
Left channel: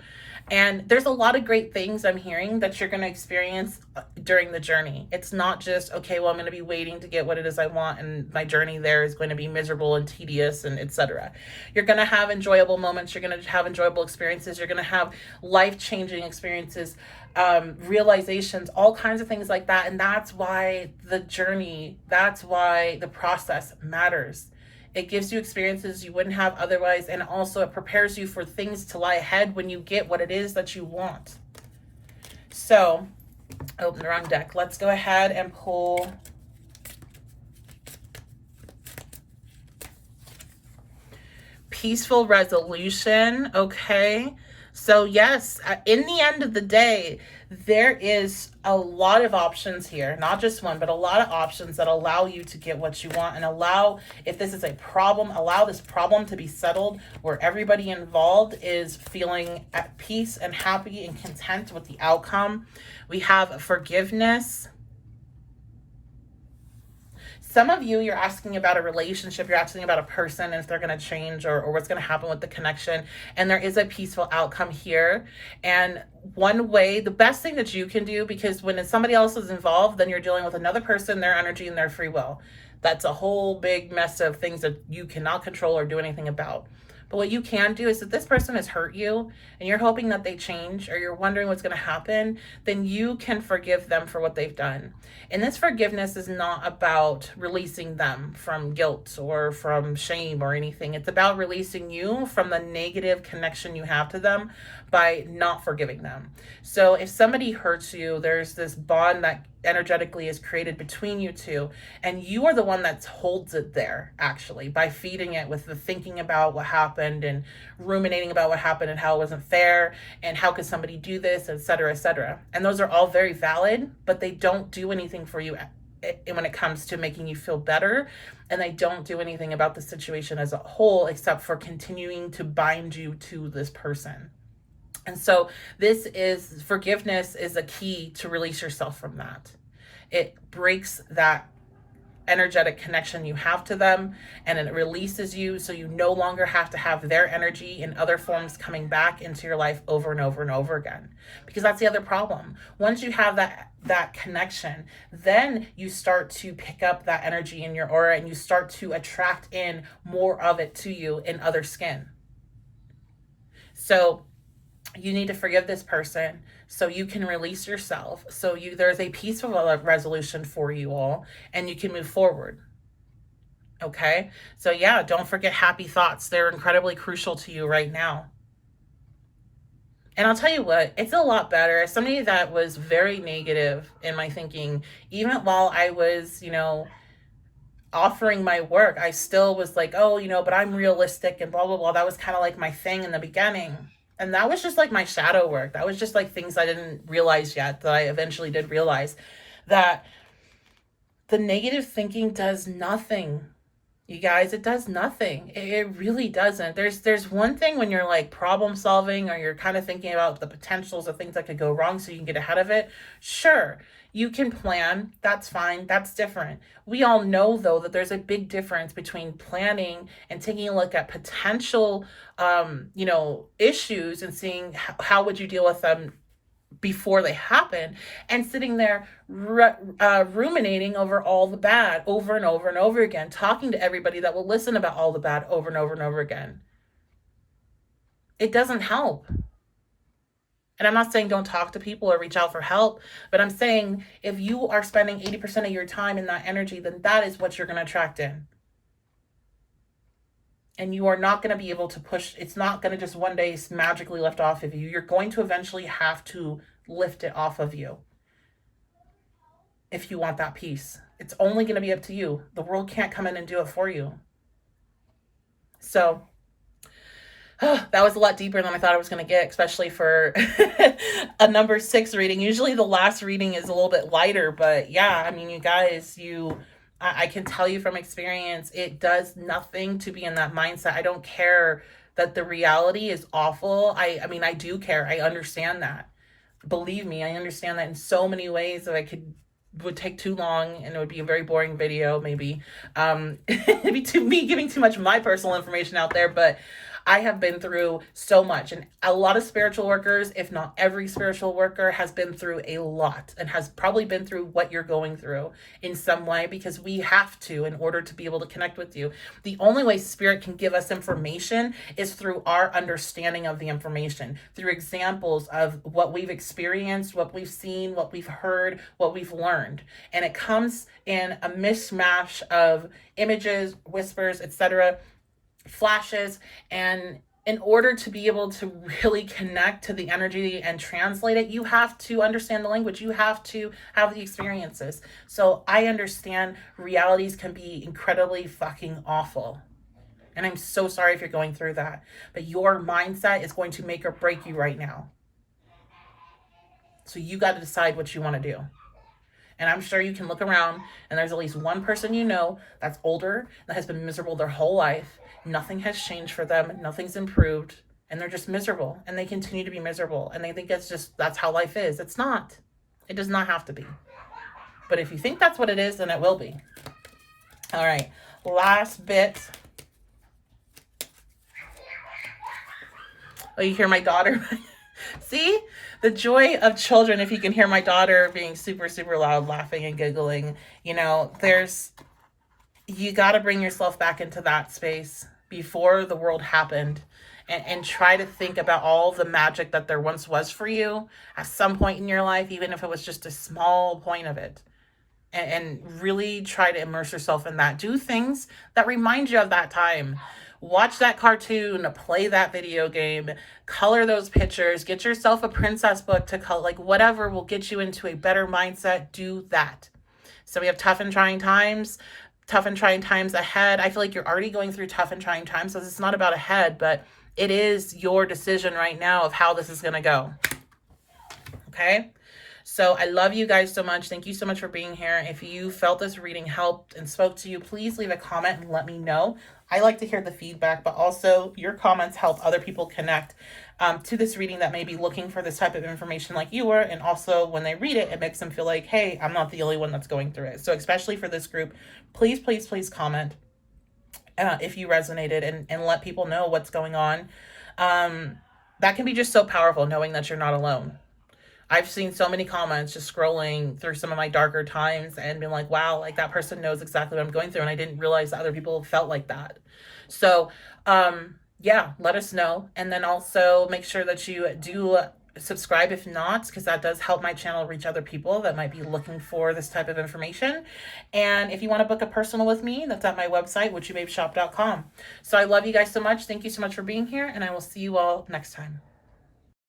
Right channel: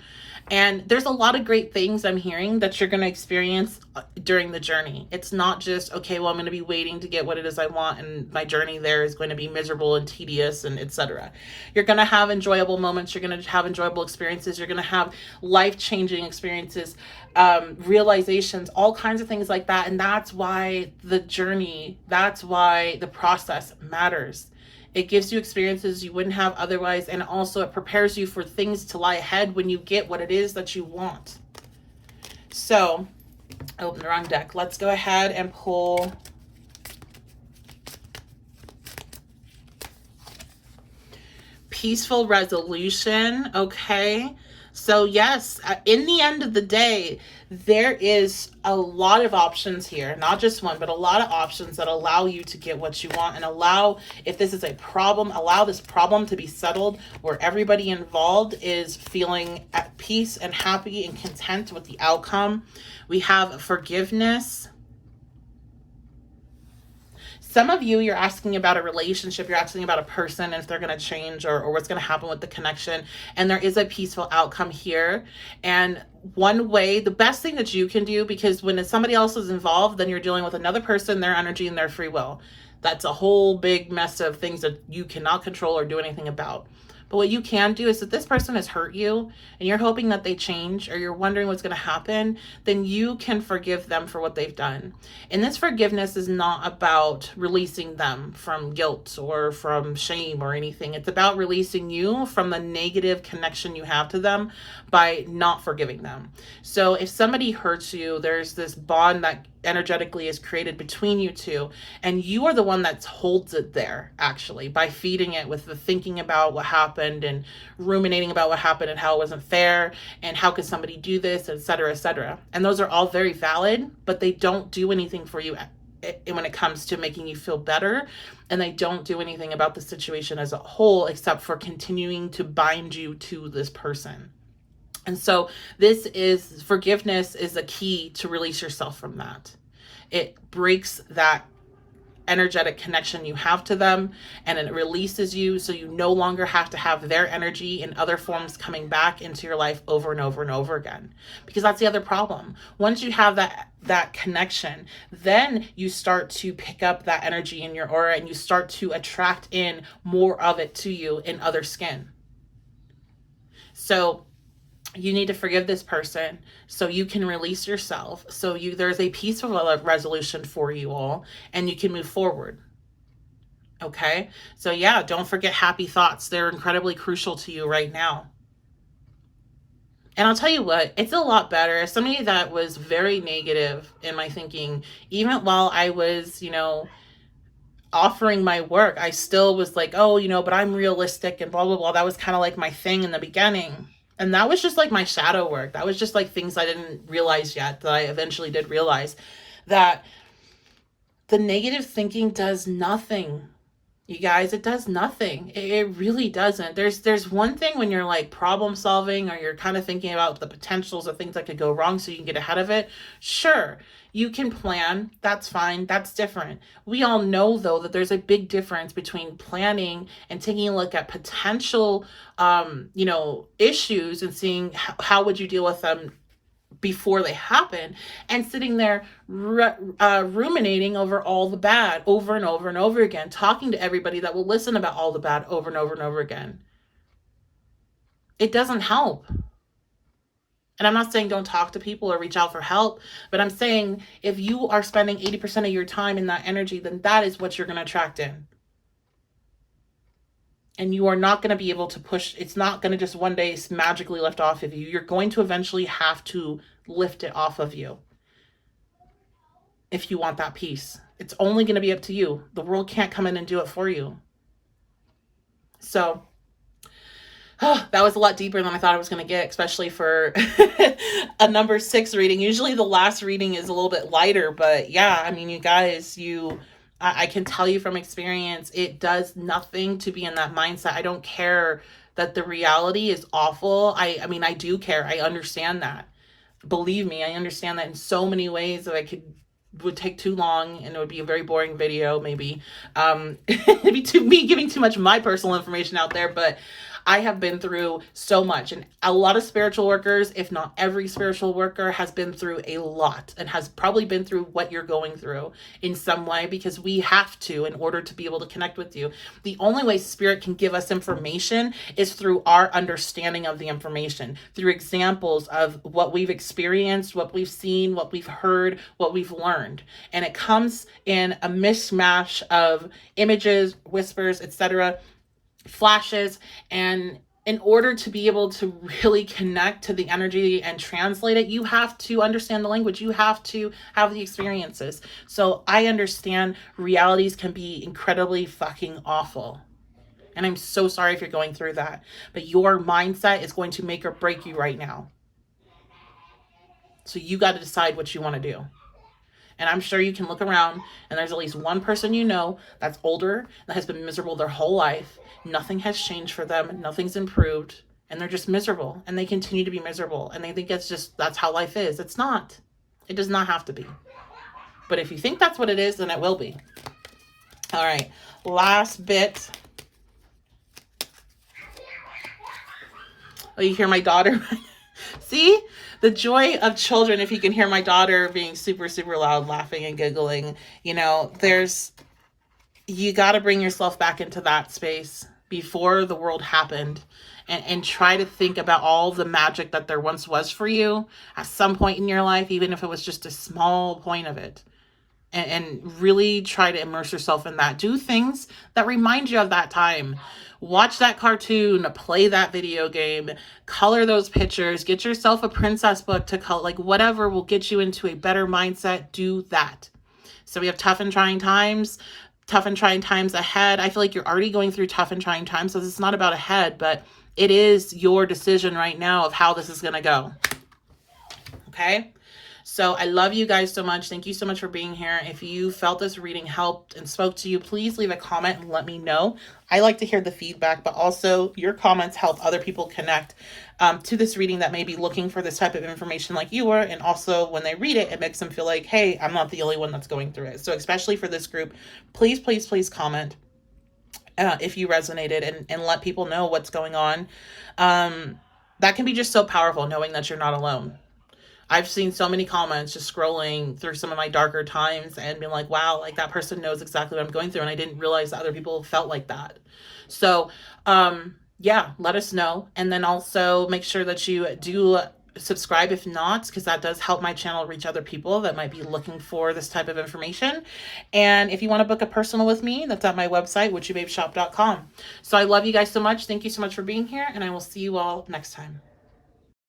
And there's a lot of great things I'm hearing that you're going to experience during the journey. It's not just, okay, well, I'm going to be waiting to get what it is I want, and my journey there is going to be miserable and tedious and etc. You're going to have enjoyable moments. You're going to have enjoyable experiences. You're going to have life-changing experiences, realizations, all kinds of things like that. And that's why the journey, that's why the process matters. It gives you experiences you wouldn't have otherwise, and also it prepares you for things to lie ahead when you get what it is that you want. So, I opened the wrong deck. Let's go ahead and pull Peaceful Resolution. Okay. So yes, in the end of the day, there is a lot of options here, not just one, but a lot of options that allow you to get what you want, and allow, if this is a problem, allow this problem to be settled where everybody involved is feeling at peace and happy and content with the outcome. We have forgiveness. Some of you, you're asking about a relationship, you're asking about a person, and if they're going to change or what's going to happen with the connection. And there is a peaceful outcome here. And one way, the best thing that you can do, because when somebody else is involved, then you're dealing with another person, their energy, and their free will. That's a whole big mess of things that you cannot control or do anything about. But what you can do is, if this person has hurt you and you're hoping that they change, or you're wondering what's going to happen, then you can forgive them for what they've done. And this forgiveness is not about releasing them from guilt or from shame or anything. It's about releasing you from the negative connection you have to them by not forgiving them. So if somebody hurts you, there's this bond that energetically is created between you two, and you are the one that holds it there, actually, by feeding it with the thinking about what happened and ruminating about what happened and how it wasn't fair and how could somebody do this, etc., etc. And those are all very valid, but they don't do anything for you when it comes to making you feel better, and they don't do anything about the situation as a whole except for continuing to bind you to this person. And so forgiveness is a key to release yourself from that. It breaks that energetic connection you have to them, and it releases you, so you no longer have to have their energy in other forms coming back into your life over and over and over again. Because that's the other problem. Once you have that connection, then you start to pick up that energy in your aura, and you start to attract in more of it to you in other skin. So you need to forgive this person so you can release yourself. So there's a peaceful resolution for you all, and you can move forward. Okay. So yeah, don't forget happy thoughts. They're incredibly crucial to you right now. And I'll tell you what, it's a lot better. As somebody that was very negative in my thinking, even while I was, offering my work, I still was like, oh, you know, but I'm realistic and blah, blah, blah. That was kind of like my thing in the beginning. And that was just like my shadow work. That was just like things I didn't realize yet that I eventually did realize, that the negative thinking does nothing. You guys, it does nothing. It really doesn't. There's one thing when you're like problem solving, or you're kind of thinking about the potentials of things that could go wrong so you can get ahead of it. Sure, you can plan. That's fine. That's different. We all know, though, that there's a big difference between planning and taking a look at potential, issues, and seeing how would you deal with them before they happen, and sitting there ruminating over all the bad over and over and over again, talking to everybody that will listen about all the bad over and over and over again. It doesn't help. And I'm not saying don't talk to people or reach out for help, but I'm saying if you are spending 80% of your time in that energy, then that is what you're going to attract in. And you are not going to be able to push. It's not going to just one day magically lift off of you. You're going to eventually have to lift it off of you if you want that peace. It's only going to be up to you. The world can't come in and do it for you. So that was a lot deeper than I thought I was going to get, especially for a number 6 reading. Usually the last reading is a little bit lighter, but yeah, I mean, you guys, I can tell you from experience, it does nothing to be in that mindset. I don't care that the reality is awful. I mean, I do care. I understand that. Believe me, I understand that in so many ways that would take too long, and it would be a very boring video, maybe. It'd be me giving too much of my personal information out there, but I have been through so much, and a lot of spiritual workers, if not every spiritual worker, has been through a lot, and has probably been through what you're going through in some way, because we have to in order to be able to connect with you. The only way spirit can give us information is through our understanding of the information, through examples of what we've experienced, what we've seen, what we've heard, what we've learned. And it comes in a mishmash of images, whispers, etc., flashes. And in order to be able to really connect to the energy and translate it, you have to understand the language. You have to have the experiences. So I understand realities can be incredibly fucking awful. And I'm so sorry if you're going through that. But your mindset is going to make or break you right now. So you got to decide what you want to do. And I'm sure you can look around and there's at least one person you know that's older, that has been miserable their whole life. Nothing has changed for them. Nothing's improved. And they're just miserable. And they continue to be miserable. And they think that's how life is. It's not. It does not have to be. But if you think that's what it is, then it will be. All right. Last bit. Oh, you hear my daughter? See? The joy of children, if you can hear my daughter being super, super loud, laughing and giggling, you got to bring yourself back into that space before the world happened, and try to think about all the magic that there once was for you at some point in your life, even if it was just a small point of it, and really try to immerse yourself in that. Do things that remind you of that time. Watch that cartoon, play that video game, color those pictures, get yourself a princess book to color, like whatever will get you into a better mindset. Do that. So we have tough and trying times ahead. I feel like you're already going through tough and trying times, so it's not about ahead, but it is your decision right now of how this is going to go. Okay? So I love you guys so much. Thank you so much for being here. If you felt this reading helped and spoke to you, please leave a comment and let me know. I like to hear the feedback, but also your comments help other people connect to this reading that may be looking for this type of information like you were. And also when they read it, it makes them feel like, hey, I'm not the only one that's going through it. So especially for this group, please, please, please comment if you resonated, and let people know what's going on. That can be just so powerful, knowing that you're not alone. I've seen so many comments just scrolling through some of my darker times and being like, wow, like that person knows exactly what I'm going through. And I didn't realize that other people felt like that. So, yeah, let us know. And then also make sure that you do subscribe if not, because that does help my channel reach other people that might be looking for this type of information. And if you want to book a personal with me, that's at my website, witchybabeshop.com. So I love you guys so much. Thank you so much for being here, and I will see you all next time.